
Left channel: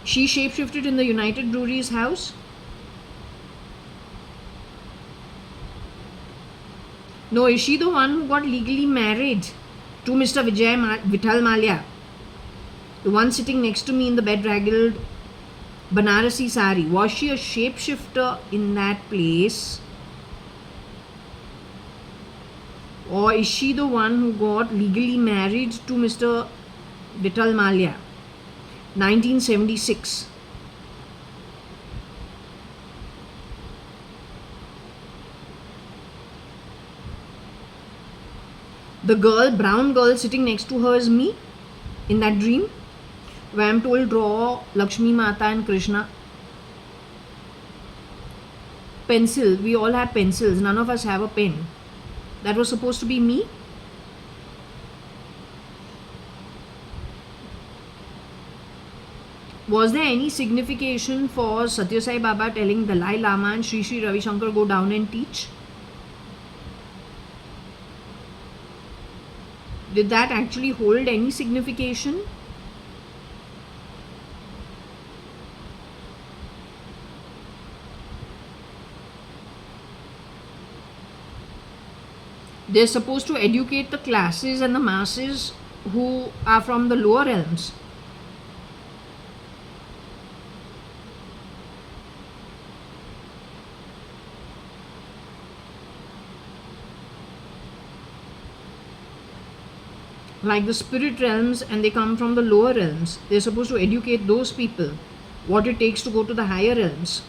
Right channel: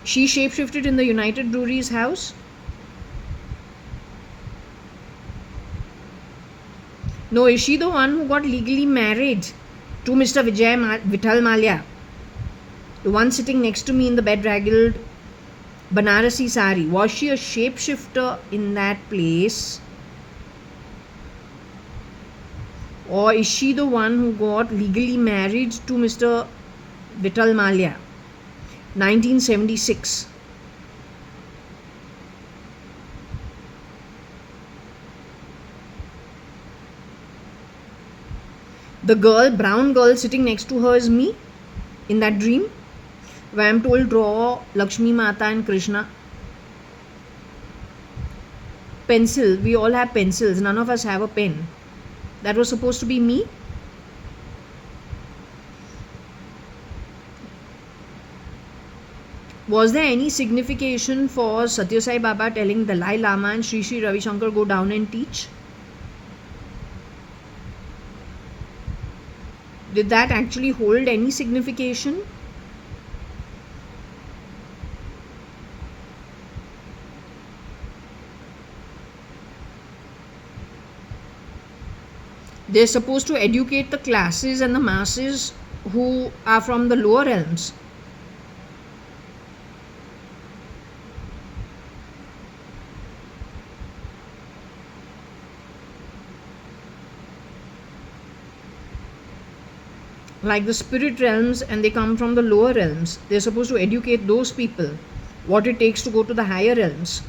She shapeshifted in the United Breweries house. No, is she the one who got legally married to Mr. Vithal Malia? The one sitting next to me in the bedraggled Banarasi sari. Was she a shapeshifter in that place? Or is she the one who got legally married to Mr. Vithal Malia? 1976. The girl, brown girl sitting next to her is me in that dream, where I'm told draw Lakshmi Mata and Krishna. Pencil, we all have pencils, none of us have a pen. That was supposed to be me. Was there any signification for Satya Sai Baba telling Dalai Lama and Sri Sri Ravi Shankar go down and teach? Did that actually hold any signification? They're supposed to educate the classes and the masses who are from the lower realms. like the spirit realms, and they come from the lower realms. They're supposed to educate those people what it takes to go to the higher realms.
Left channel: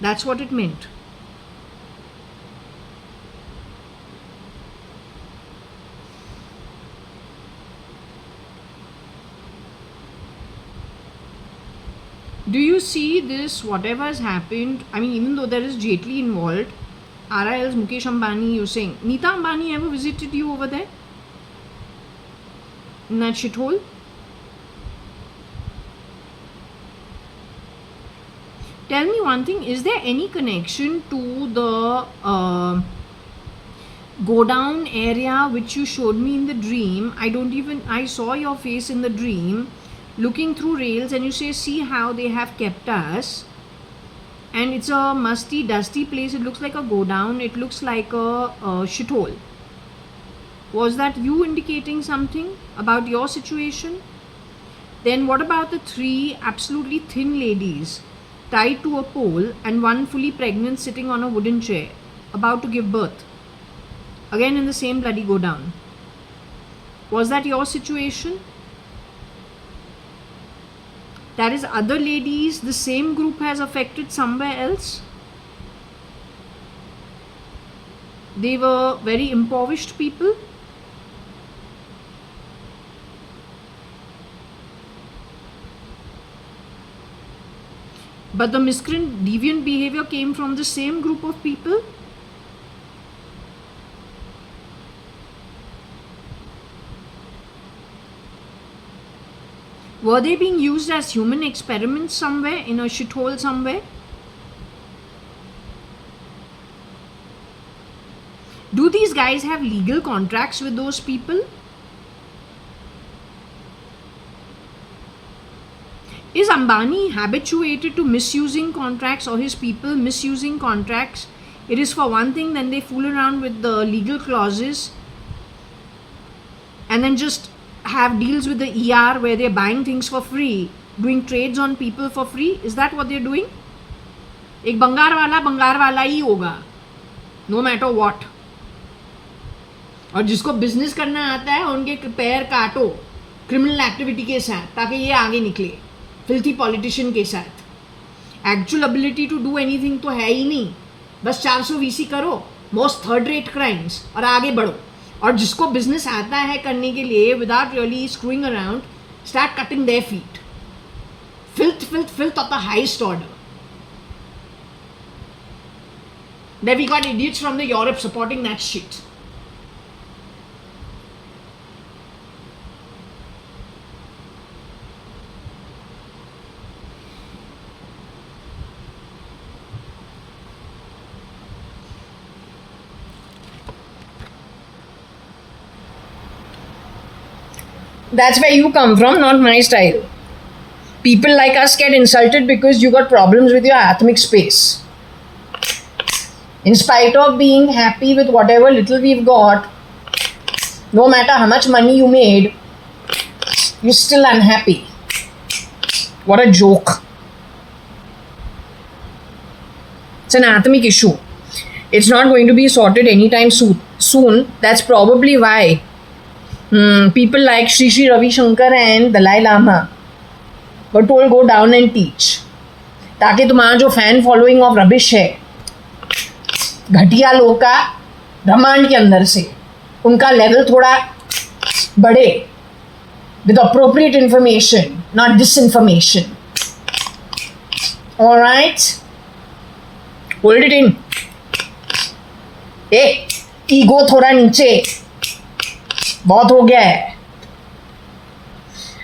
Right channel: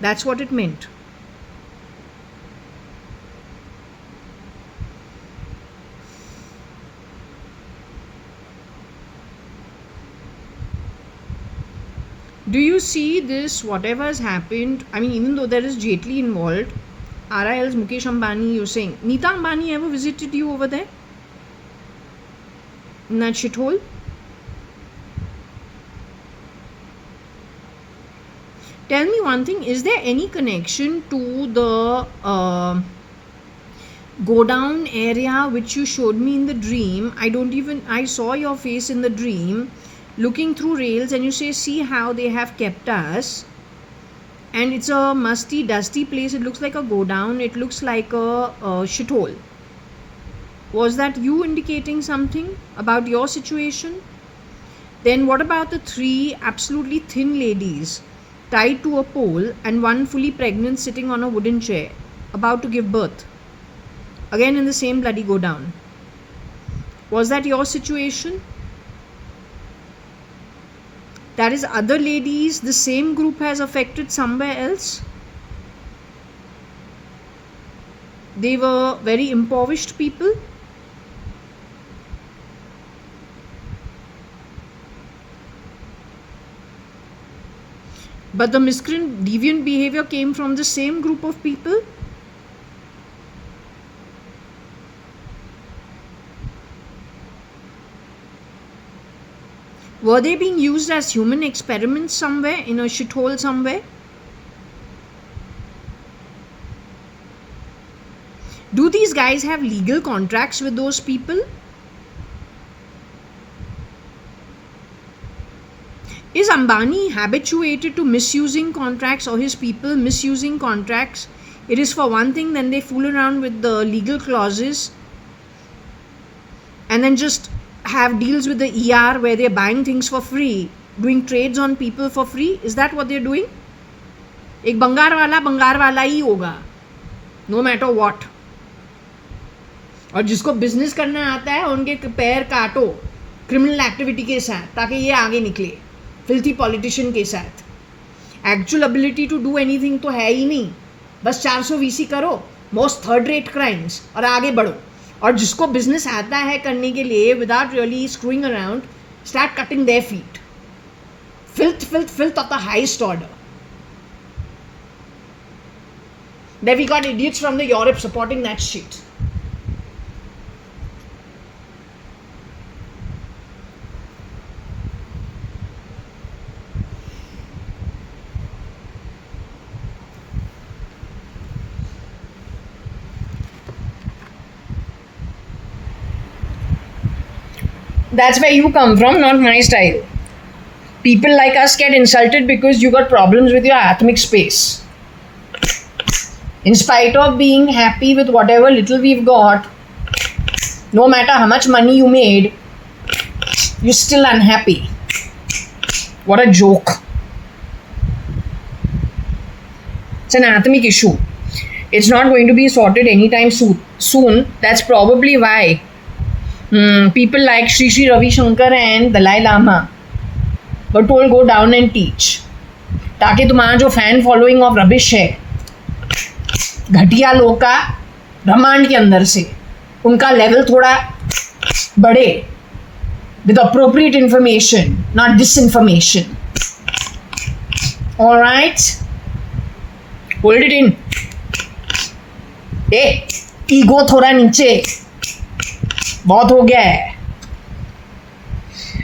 That's what it meant. Do you see this, whatever has happened? I mean, even though there is Jaitley involved, RIL's Mukesh Ambani, you're saying, Nita Ambani ever visited you over there? In that shithole? Tell me one thing, is there any connection to the go down area which you showed me in the dream? I saw your face in the dream looking through rails, and you say, see how they have kept us. And it's a musty, dusty place. It looks like a go down. It looks like a shithole. Was that you indicating something about your situation? Then what about the 3 absolutely thin ladies tied to a pole and one fully pregnant sitting on a wooden chair about to give birth? Again in the same bloody go down. Was that your situation? That is, other ladies, the same group has affected somewhere else? They were very impoverished people? But the miscreant deviant behavior came from the same group of people? Were they being used as human experiments somewhere, in a shithole somewhere? Do these guys have legal contracts with those people? Is Ambani habituated to misusing contracts, or his people misusing contracts? It is for one thing, then they fool around with the legal clauses and then just have deals with the ER where they're buying things for free, doing trades on people for free. Is that what they're doing? एक बंगार वाला ही होगा, no matter what. और जिसको business करना आता है उनके पैर काटो क्रिमिनल एक्टिविटी के साथ ताकि ये आगे निकले फिल्थी पॉलिटिशियन के साथ. Actual ability to do anything तो है ही नहीं, बस 400 VC करो, मोस्ट थर्ड रेट क्राइम्स, और आगे बढ़ो. और जिसको बिजनेस आता है करने के लिए without really screwing around, start cutting their feet. Filth of the highest order. Then we got idiots from the Europe supporting that shit. That's where you come from, not my style. People like us get insulted because you got problems with your atmic space. In spite of being happy with whatever little we've got, no matter how much money you made, you're still unhappy. What a joke. It's an atmic issue. It's not going to be sorted anytime soon. That's probably why people like Sri Sri Ravi Shankar and Dalai Lama were told go down and teach, ताकि तुम्हारा जो fan following of rubbish है घटिया लोग का ब्रह्मांड के अंदर से, उनका लेवल थोड़ा बढ़े with appropriate information, not disinformation. All right, hold it in. Ego थोड़ा नीचे, बहुत हो गया है.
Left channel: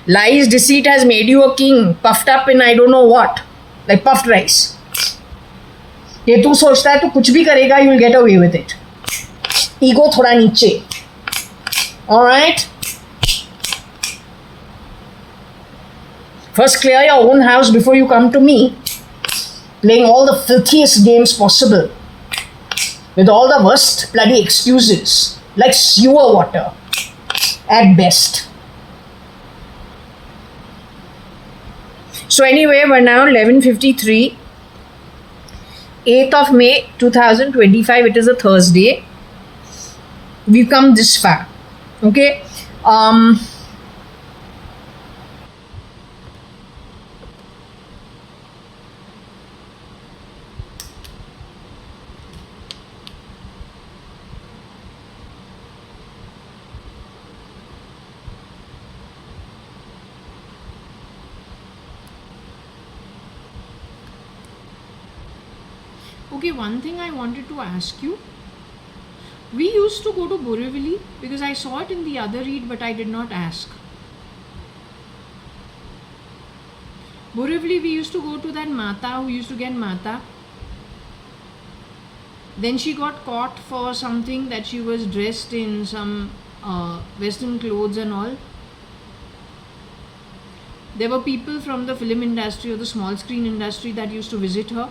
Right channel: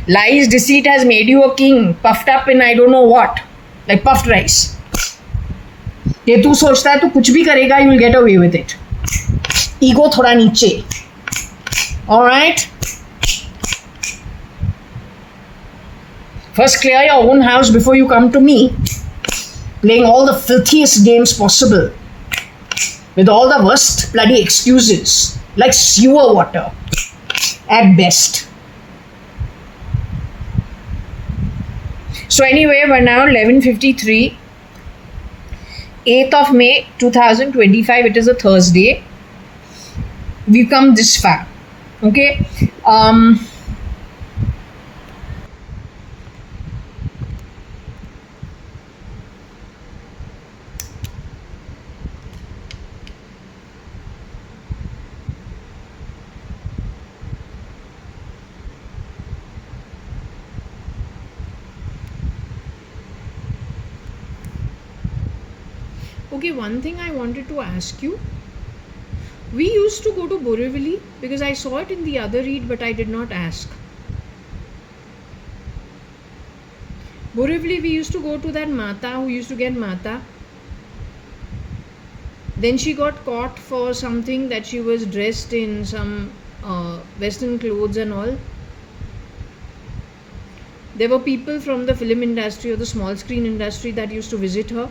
Lies, deceit has made you a king, puffed up in I don't know what, like puffed rice. ये तू सोचता है तू कुछ भी करेगा, you will get away with it. Ego थोड़ा नीचे. All right. First clear your own house before you come to me, playing all the filthiest games possible, with all the worst bloody excuses, like sewer water, at best. So anyway, we're now 11:53, 8th of May 2025. It is a Thursday. We've come this far. Okay. Um, okay, one thing I wanted to ask you. We used to go to Borivali because I saw it in the other read, but I did not ask. Borivali, we used to go to that Mata who used to get Mata. Then she got caught for something that she was dressed in some Western clothes and all. There were people from the film industry or the small screen industry that used to visit her.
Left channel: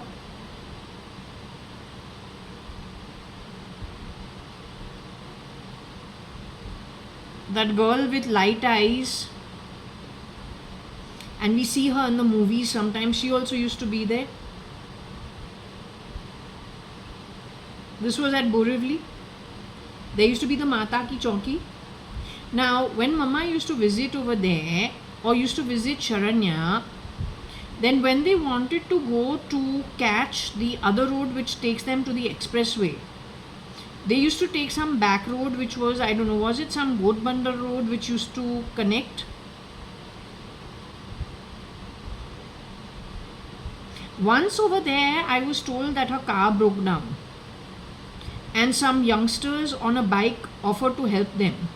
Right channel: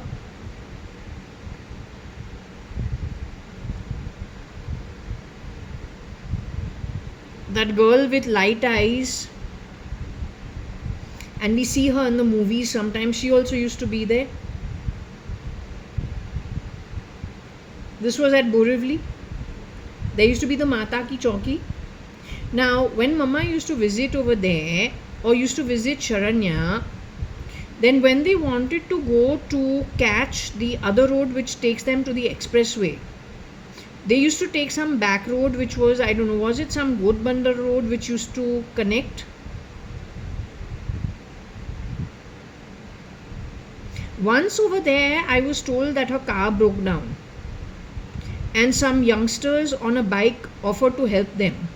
That girl with light eyes, and we see her in the movies sometimes. She also used to be there. This was at Borivali. There used to be the Mata Ki Chauki. Now, when Mama used to visit over there or used to visit Sharanya, then when they wanted to go to catch the other road which takes them to the expressway, they used to take some back road which was, I don't know, was it some Goat Bandar road which used to connect? Once over there, I was told that her car broke down and some youngsters on a bike offered to help them.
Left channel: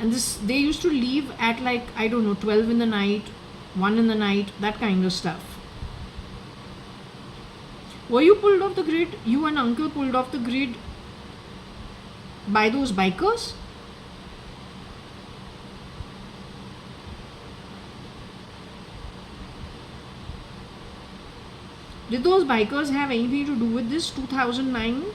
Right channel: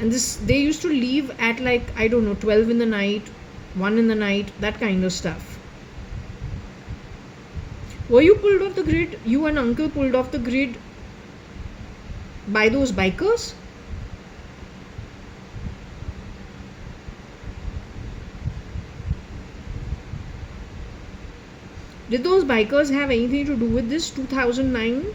And this, they used to leave at like, I don't know, 12 in the night, 1 in the night, that kind of stuff. Were you pulled off the grid? You and uncle pulled off the grid by those bikers? Did those bikers have anything to do with this 2009?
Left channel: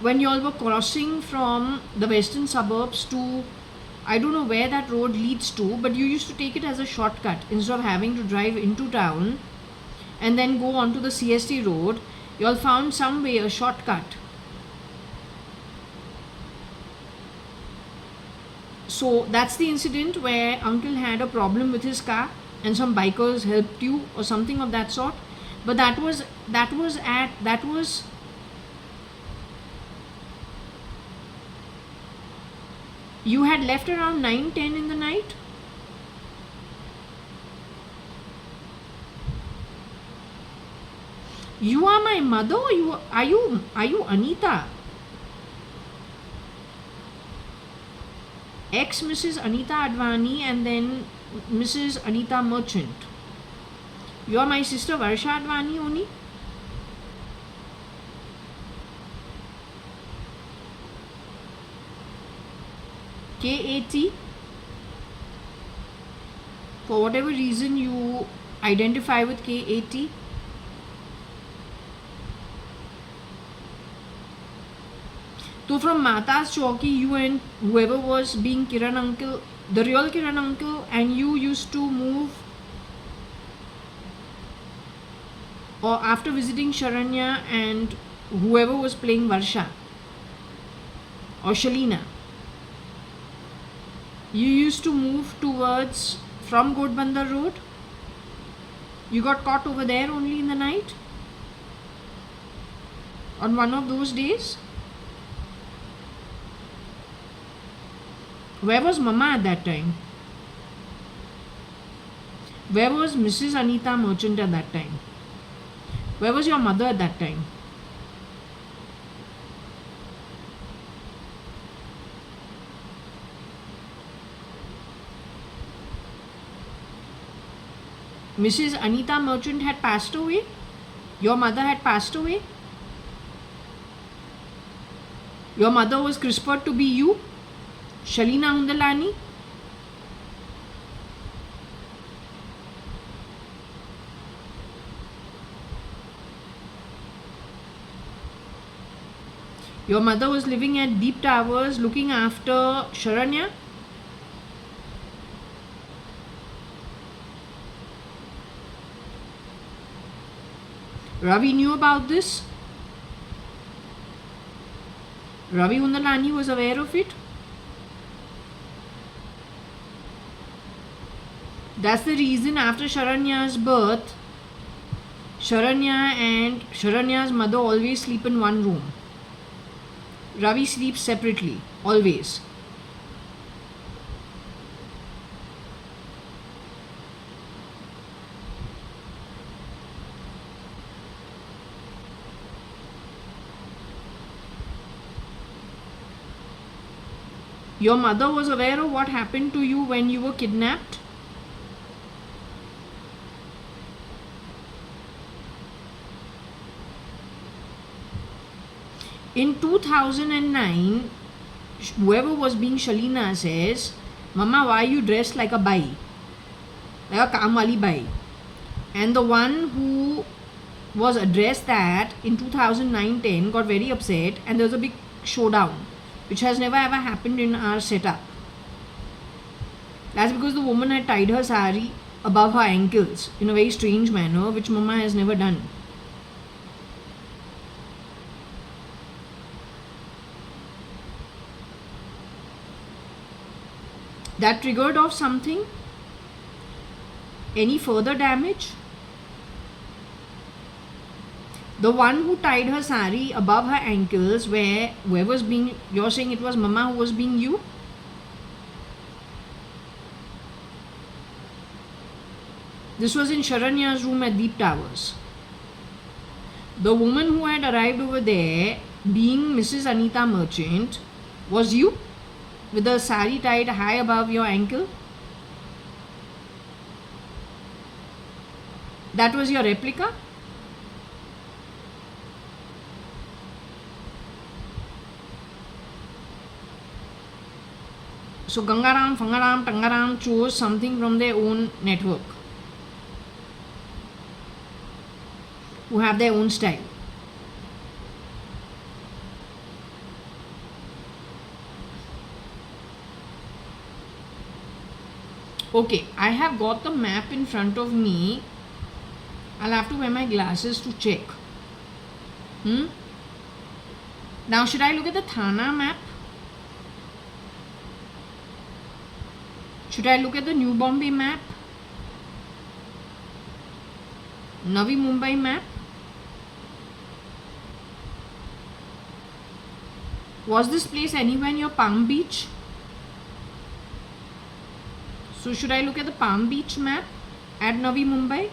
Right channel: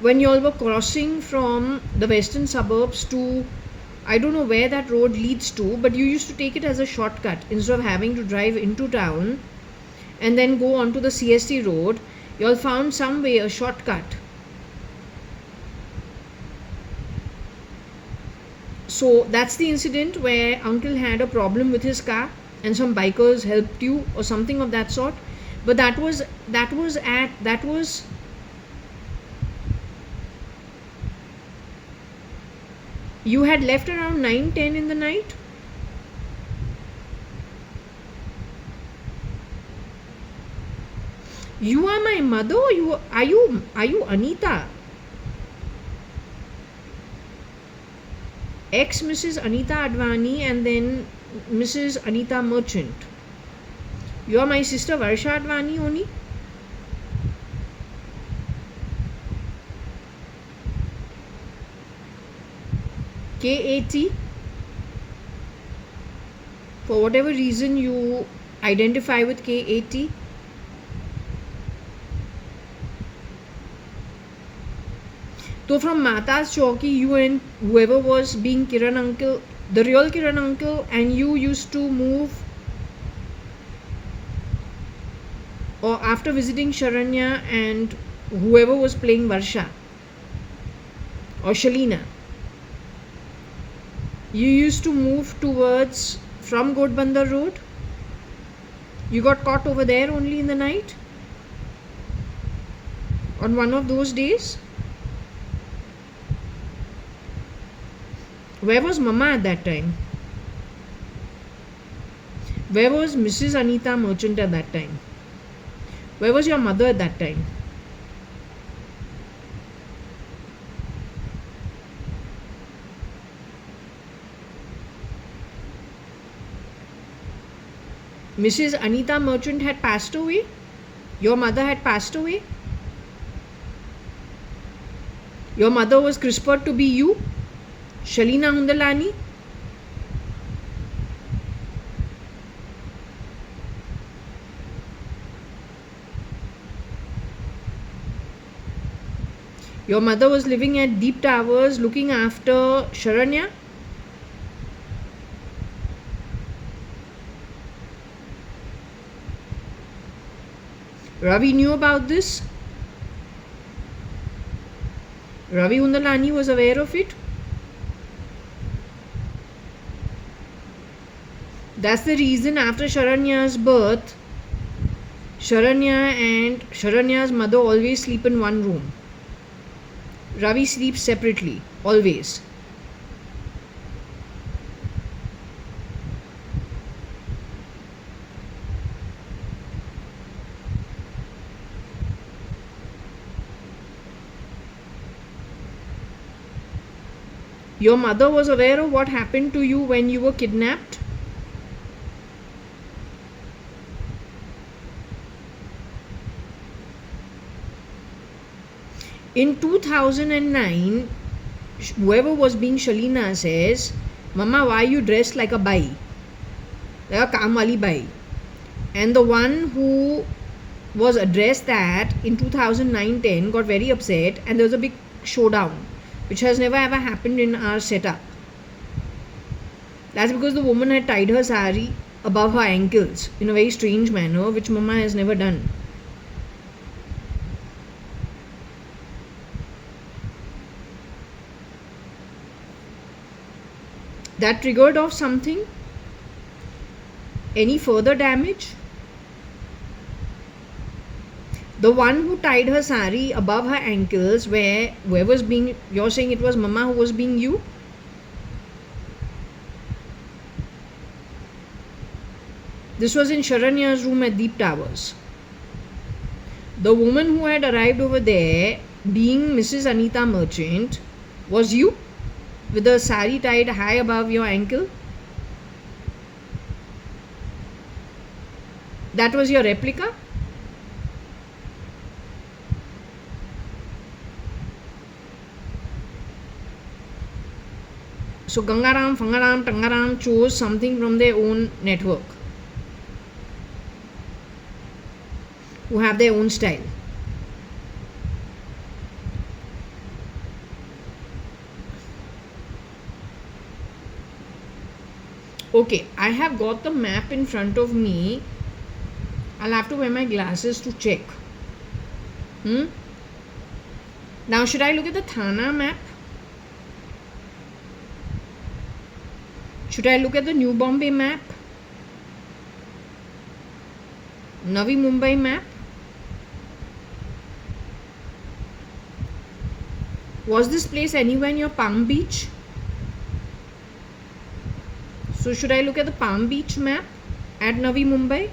When you all were crossing from the western suburbs to, I don't know where that road leads to, but you used to take it as a shortcut instead of having to drive into town and then go onto the CST road. You all found some way, a shortcut. So that's the incident where uncle had a problem with his car and some bikers helped you or something of that sort. But that was you had left around 9-10 in the night. You are my mother, or are you Anita? Ex Mrs. Anita Advani and then Mrs. Anita Merchant. You are my sister Varsha Advani only. KAT. For whatever reason you identify with KAT. So from Mata's Chowki, you and whoever was being Kiran uncle, the real Kiran uncle, and you used to move, or after visiting Sharanya and whoever was playing Varsha or Shalina, you used to move towards from Godbandar Road. You got caught over there only in the night on one of those days. Where was Mama at that time? Where was Mrs. Anita Merchant at that time? Where was your mother at that time? Mrs. Anita Merchant had passed away. Your mother had passed away. Your mother was CRISPR'd to be you, Shalina Hundalani. Your mother was living at Deep Towers looking after Sharanya. Ravi knew about this. Ravi Undalani was aware of it. That's the reason after Sharanya's birth, Sharanya and Sharanya's mother always sleep in one room. Ravi sleeps separately, always. Your mother was aware of what happened to you when you were kidnapped? In 2009, whoever was being Shalina says, Mama, why are you dressed like a bai? Like a kaam wali bai. And the one who was addressed that in 2009-10 got very upset, and there was a big showdown, which has never ever happened in our setup. That's because the woman had tied her sari above her ankles in a very strange manner, which Mama has never done. That triggered off something? Any further damage? The one who tied her sari above her ankles, where whoever's being, you're saying it was Mama who was being you? This was in Sharanya's room at Deep Towers. The woman who had arrived over there, being Mrs. Anita Merchant, was you? With the sari tied high above your ankle? That was your replica? So Gangaram, Fangaram, Tangaram chose something from their own network, who have their own style. Okay, I have got the map in front of me. I'll have to wear my glasses to check. Now, should I look at the Thana map? Should I look at the New Bombay map? Navi Mumbai map? Was this place anywhere near Palm Beach? So should I look at the Palm Beach map at Navi Mumbai?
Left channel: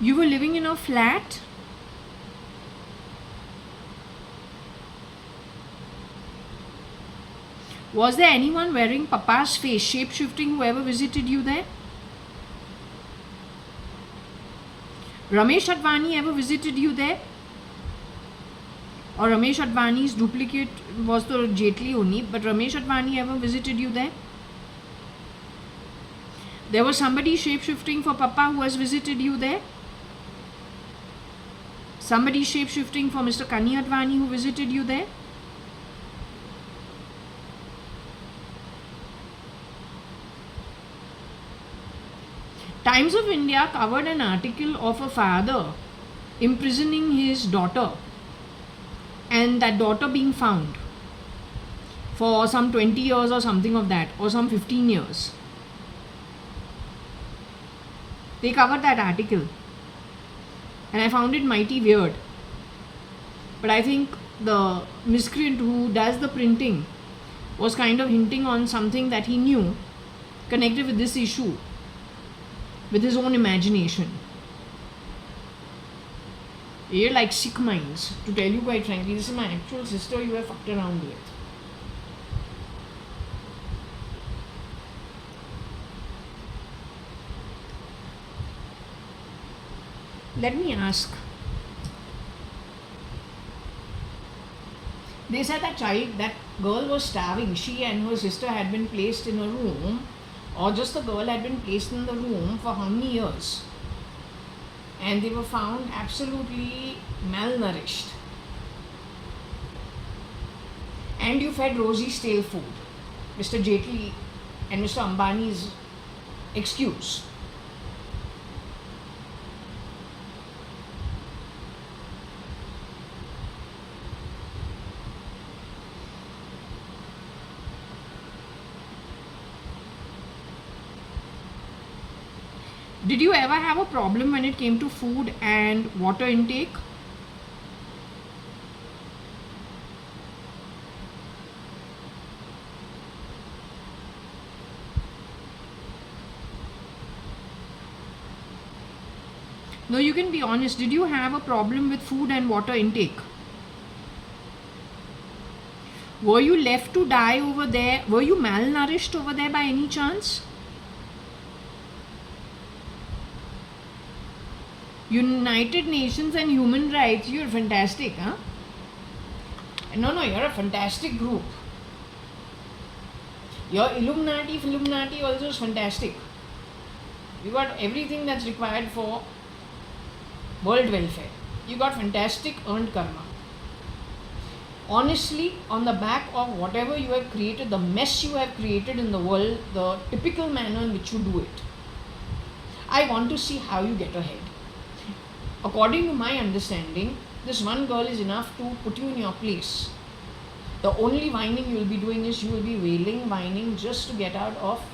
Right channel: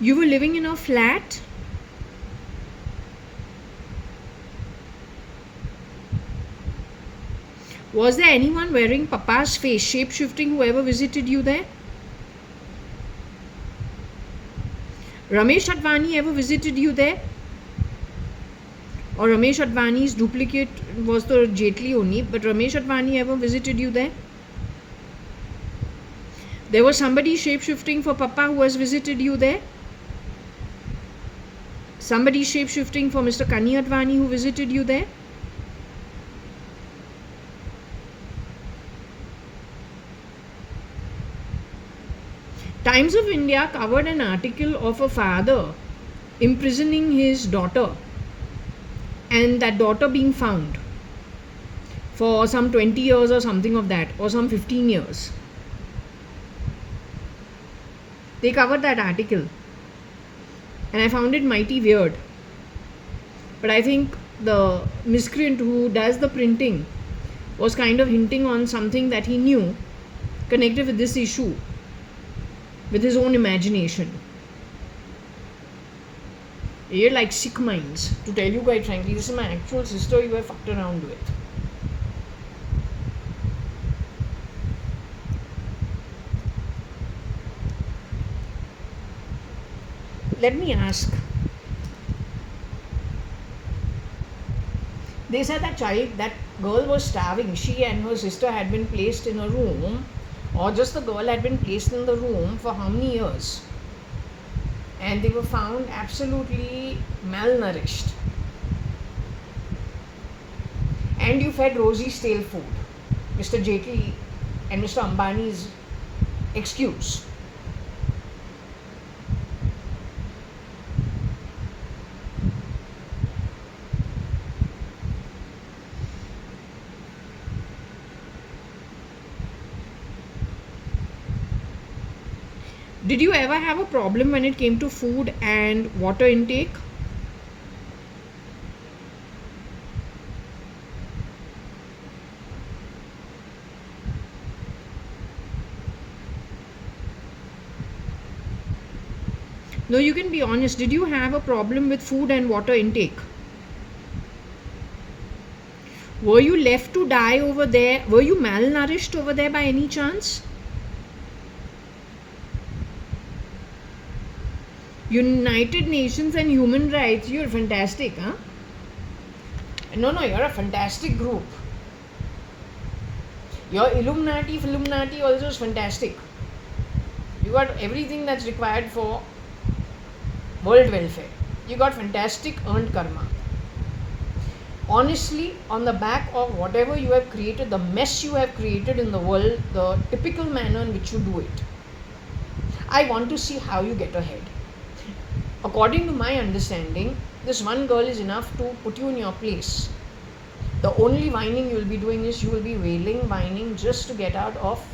You were living in a flat? Was there anyone wearing Papa's face, shape-shifting, whoever visited you there? Ramesh Advani ever visited you there? Or Ramesh Advani's duplicate was the Jetli only, but Ramesh Advani ever visited you there? There was somebody shape-shifting for Papa who has visited you there? Somebody shape-shifting for Mr. Kani Advani who visited you there? Times of India covered an article of a father imprisoning his daughter, and that daughter being found for some 20 years or something of that, or some 15 years. They covered that article, and I found it mighty weird. But I think the miscreant who does the printing was kind of hinting on something that he knew connected with this issue, with his own imagination. You're like sick minds. To tell you quite frankly, this is my actual sister you were fucked around with. Let me ask. They said that girl was starving. She and her sister had been placed in a room, or just the girl had been placed in the room for how many years? And they were found absolutely malnourished. And you fed Rosie stale food. Mr. Jetli and Mr. Ambani's excuse. Did you ever have a problem when it came to food and water intake? No, you can be honest. Did you have a problem with food and water intake? Were you left to die over there? Were you malnourished over there by any chance? United Nations and human rights, you're fantastic, huh? No, you're a fantastic group. Your Illuminati also is fantastic. You got everything that's required for world welfare. You got fantastic earned karma. Honestly, on the back of whatever you have created, the mess you have created in the world, the typical manner in which you do it, I want to see how you get ahead. According to my understanding, this one girl is enough to put you in your place. The only whining you will be doing is you will be wailing, whining just to get out of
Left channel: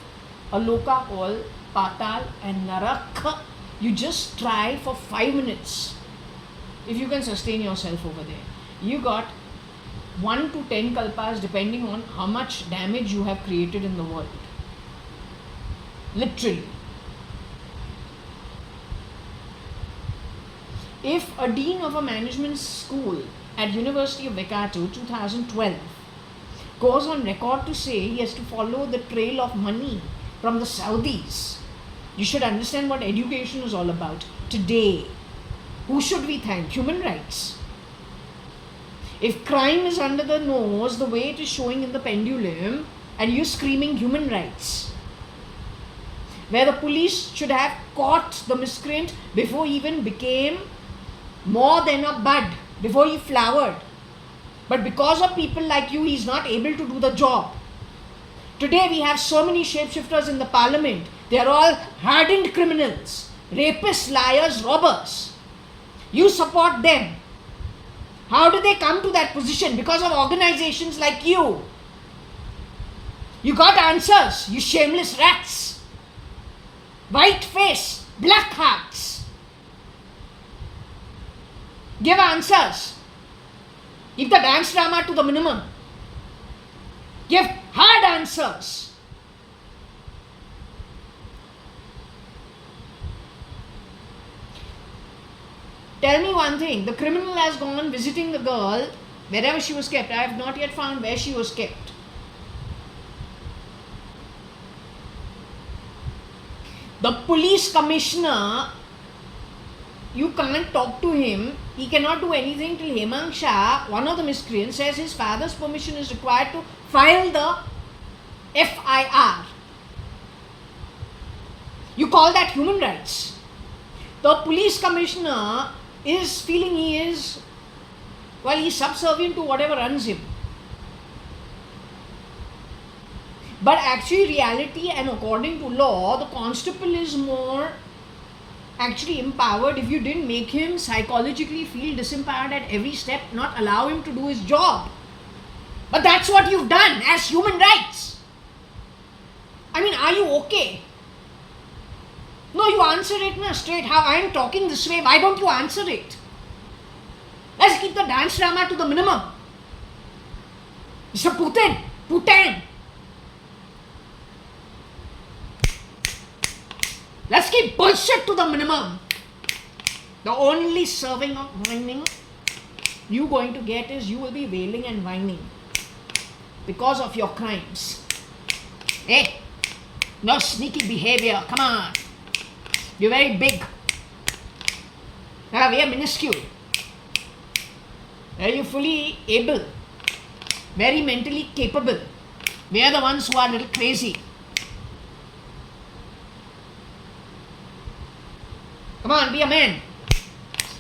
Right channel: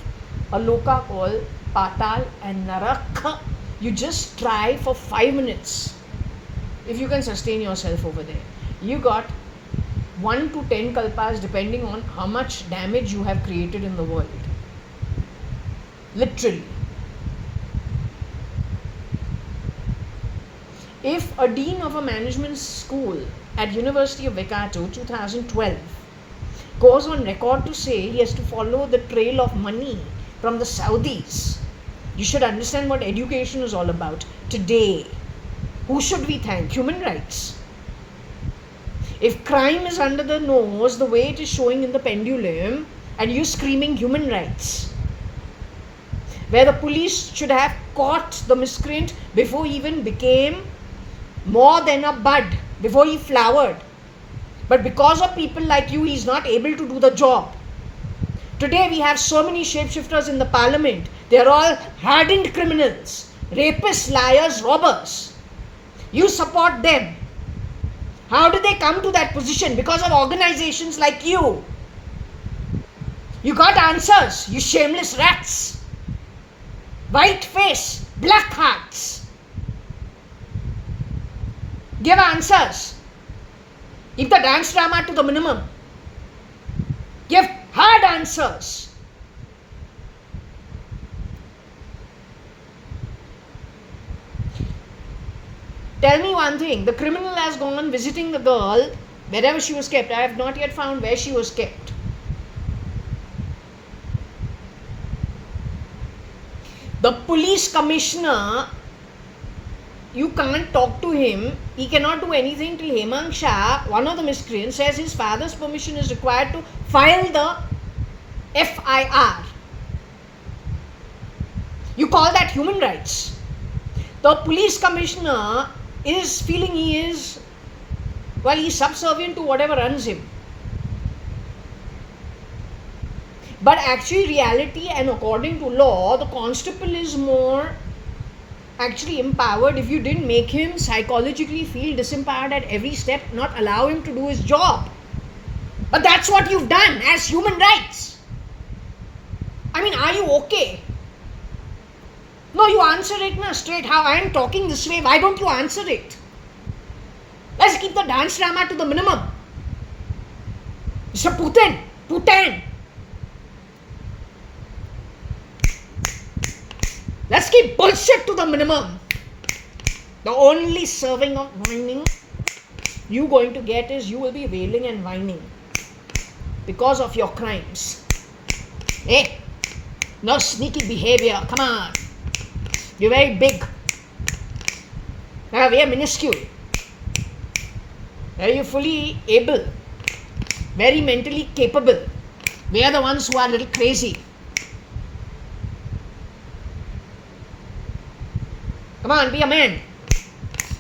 a loka called Patal and Narak. You just try for 5 minutes if you can sustain yourself over there. You got 1 to 10 kalpas depending on how much damage you have created in the world. Literally. If a dean of a management school at University of Waikato 2012 goes on record to say he has to follow the trail of money from the Saudis, you should understand what education is all about. Today, who should we thank? Human rights. If crime is under the nose the way it is showing in the pendulum and you screaming human rights, where the police should have caught the miscreant before he even became more than a bud, before he flowered. But because of people like you, he is not able to do the job. Today we have so many shapeshifters in the parliament. They are all hardened criminals, rapists, liars, robbers. You support them. How did they come to that position? Because of organizations like you. You got answers, you shameless rats. White face, black hearts. Give answers. Keep the dance drama to the minimum. Give hard answers. Tell me one thing. The criminal has gone visiting the girl wherever she was kept. I have not yet found where she was kept. The police commissioner, you can't talk to him. He cannot do anything till Hemang Shah, one of the miscreants, says his father's permission is required to file the FIR. You call that human rights? The police commissioner is feeling he's subservient to whatever runs him. But actually, reality and according to law, the constable is more actually empowered. If you didn't make him psychologically feel disempowered at every step, not allow him to do his job. But that's what you've done as human rights. I mean, are you okay? No, you answer it straight. How I am talking this way, why don't you answer it? Let's keep the dance drama to the minimum. Mr. Putin. Let's keep bullshit to the minimum. The only serving of whining you're going to get is you will be wailing and whining because of your crimes. Hey, no sneaky behavior. Come on. You're very big. We are minuscule. Are you fully able? Very mentally capable. We are the ones who are a little crazy. Come on, be a man.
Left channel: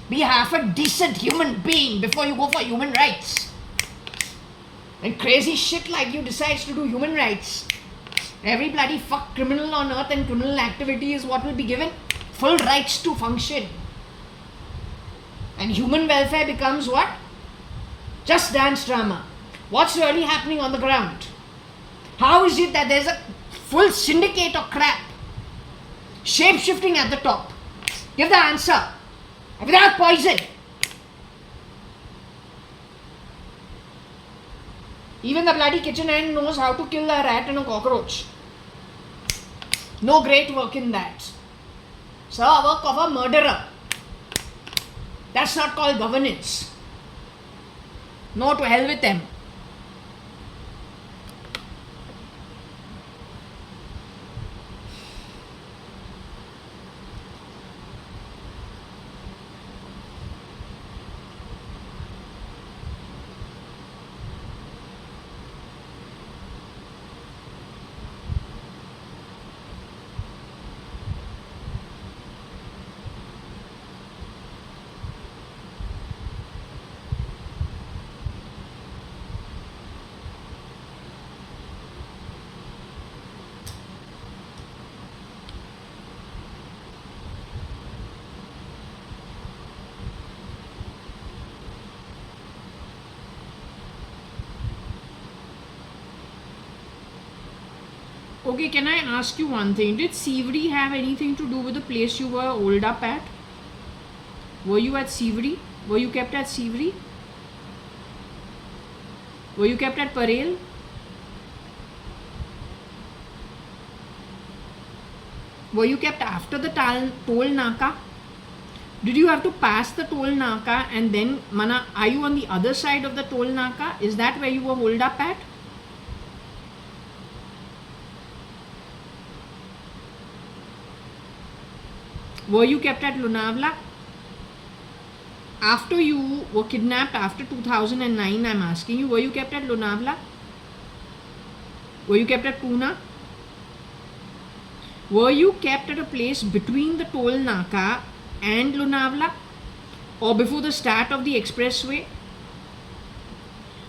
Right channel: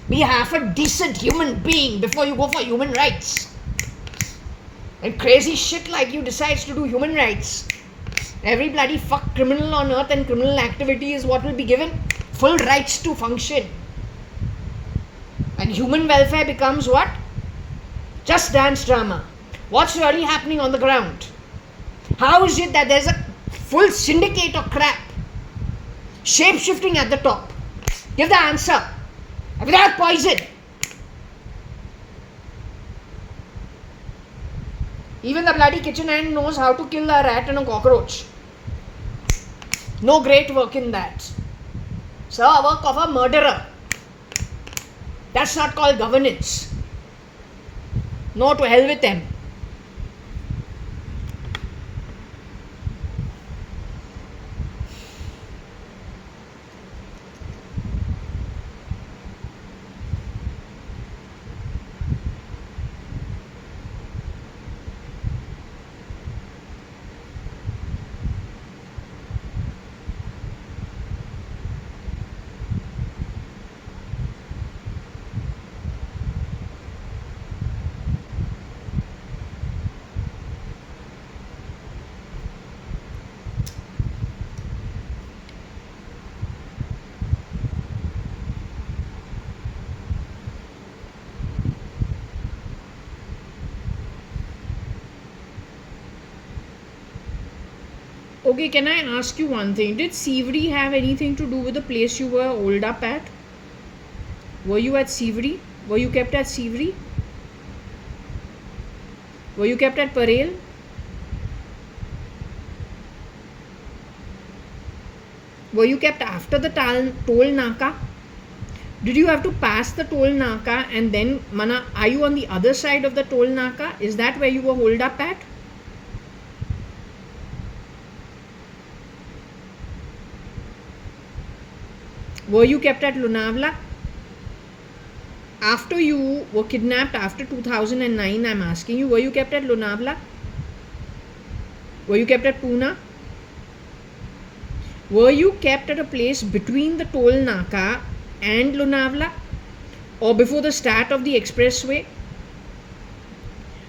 Be half a decent human being before you go for human rights. And crazy shit like you decides to do human rights. Every bloody fuck criminal on earth and criminal activity is what will be given full rights to function. And human welfare becomes what? Just dance drama. What's really happening on the ground? How is it that there's a full syndicate of crap Shape shifting at the top. Give the answer. Without poison. Even the bloody kitchen hand knows how to kill a rat and a cockroach. No great work in that. Sir, work of a murderer. That's not called governance. No, to hell with them. Okay, can I ask you one thing? Did Sivri have anything to do with the place you were holed up at? Were you at Sivri? Were you kept at Sivri? Were you kept at Parel? Were you kept after the toll naka? Did you have to pass the toll naka and then, Mana, are you on the other side of the toll naka? Is that where you were holed up at? Were you kept at Lonavala? After you were kidnapped after 2009, I'm asking you, were you kept at Lonavala? Were you kept at Pune? Were you kept at a place between the toll naka and Lonavala, or before the start of the expressway?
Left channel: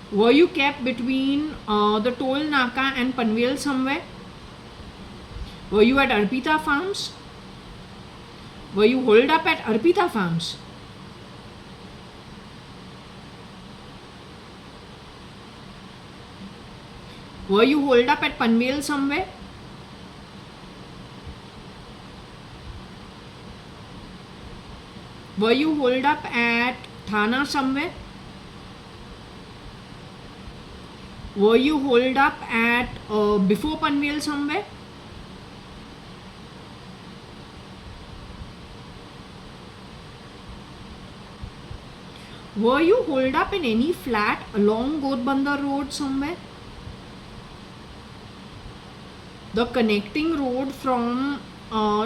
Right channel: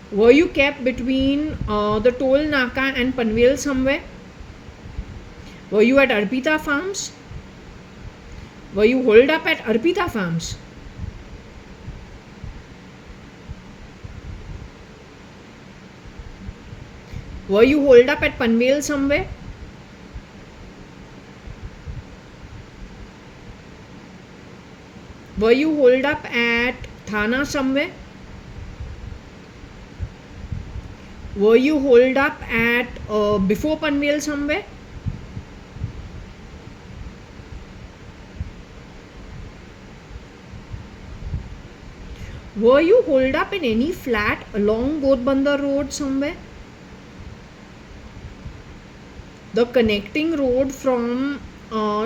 Were you kept between the toll naka and Panvel somewhere? Were you at Arpita Farms? Were you holed up at Arpita Farms? Were you holed up at Panvel somewhere? Were you holed up at Thana somewhere? Were you holed up at before Panvel somewhere? Were you holed up in any flat along Gotbandar Road somewhere? The connecting road from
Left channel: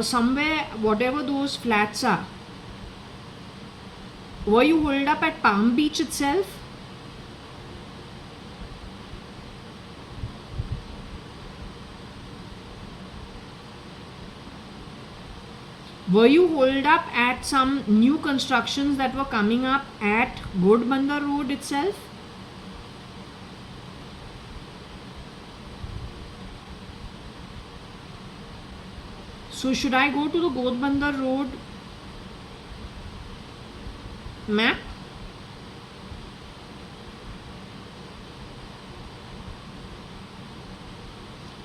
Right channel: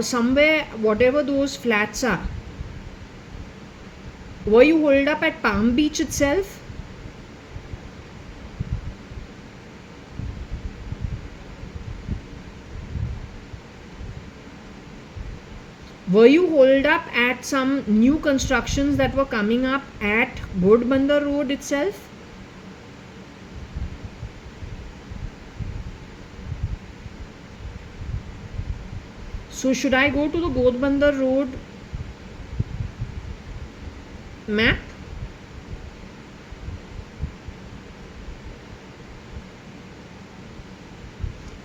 somewhere, whatever those flats are. Were you holed up at Palm Beach itself? Were you holed up at some new constructions that were coming up at Gotbandar Road itself? So should I go to the Gotbandar Road map?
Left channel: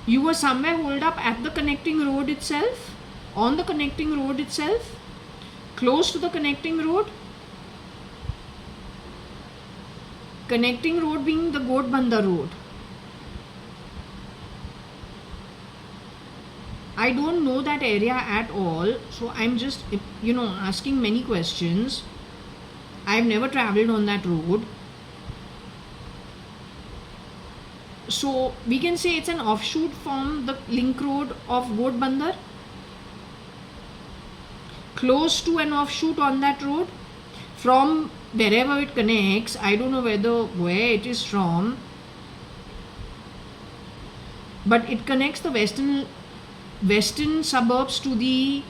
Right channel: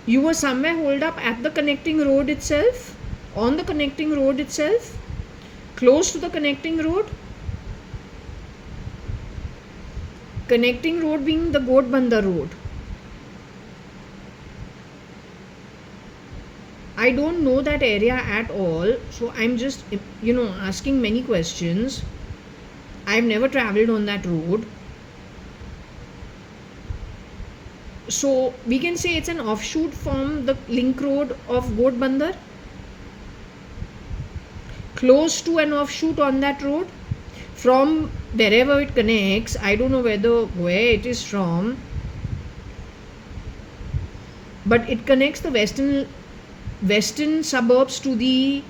You were somewhere holed up at the connecting road itself? On the connecting road itself? Close to the connecting road? Connecting road being the Gotbandar Road. I don't know that area at all, so I'm just, asking many questions. I've never traveled on that road. So we can say it's an offshoot from the link road of Gotbandar. Close to an offshoot on that road. From wherever it connects, I don't know where it is from, but it connects the western suburbs to the,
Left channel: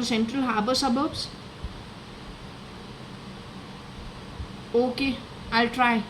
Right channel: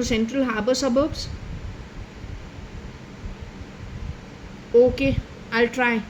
Central Harbour suburbs. Okay, I'll try.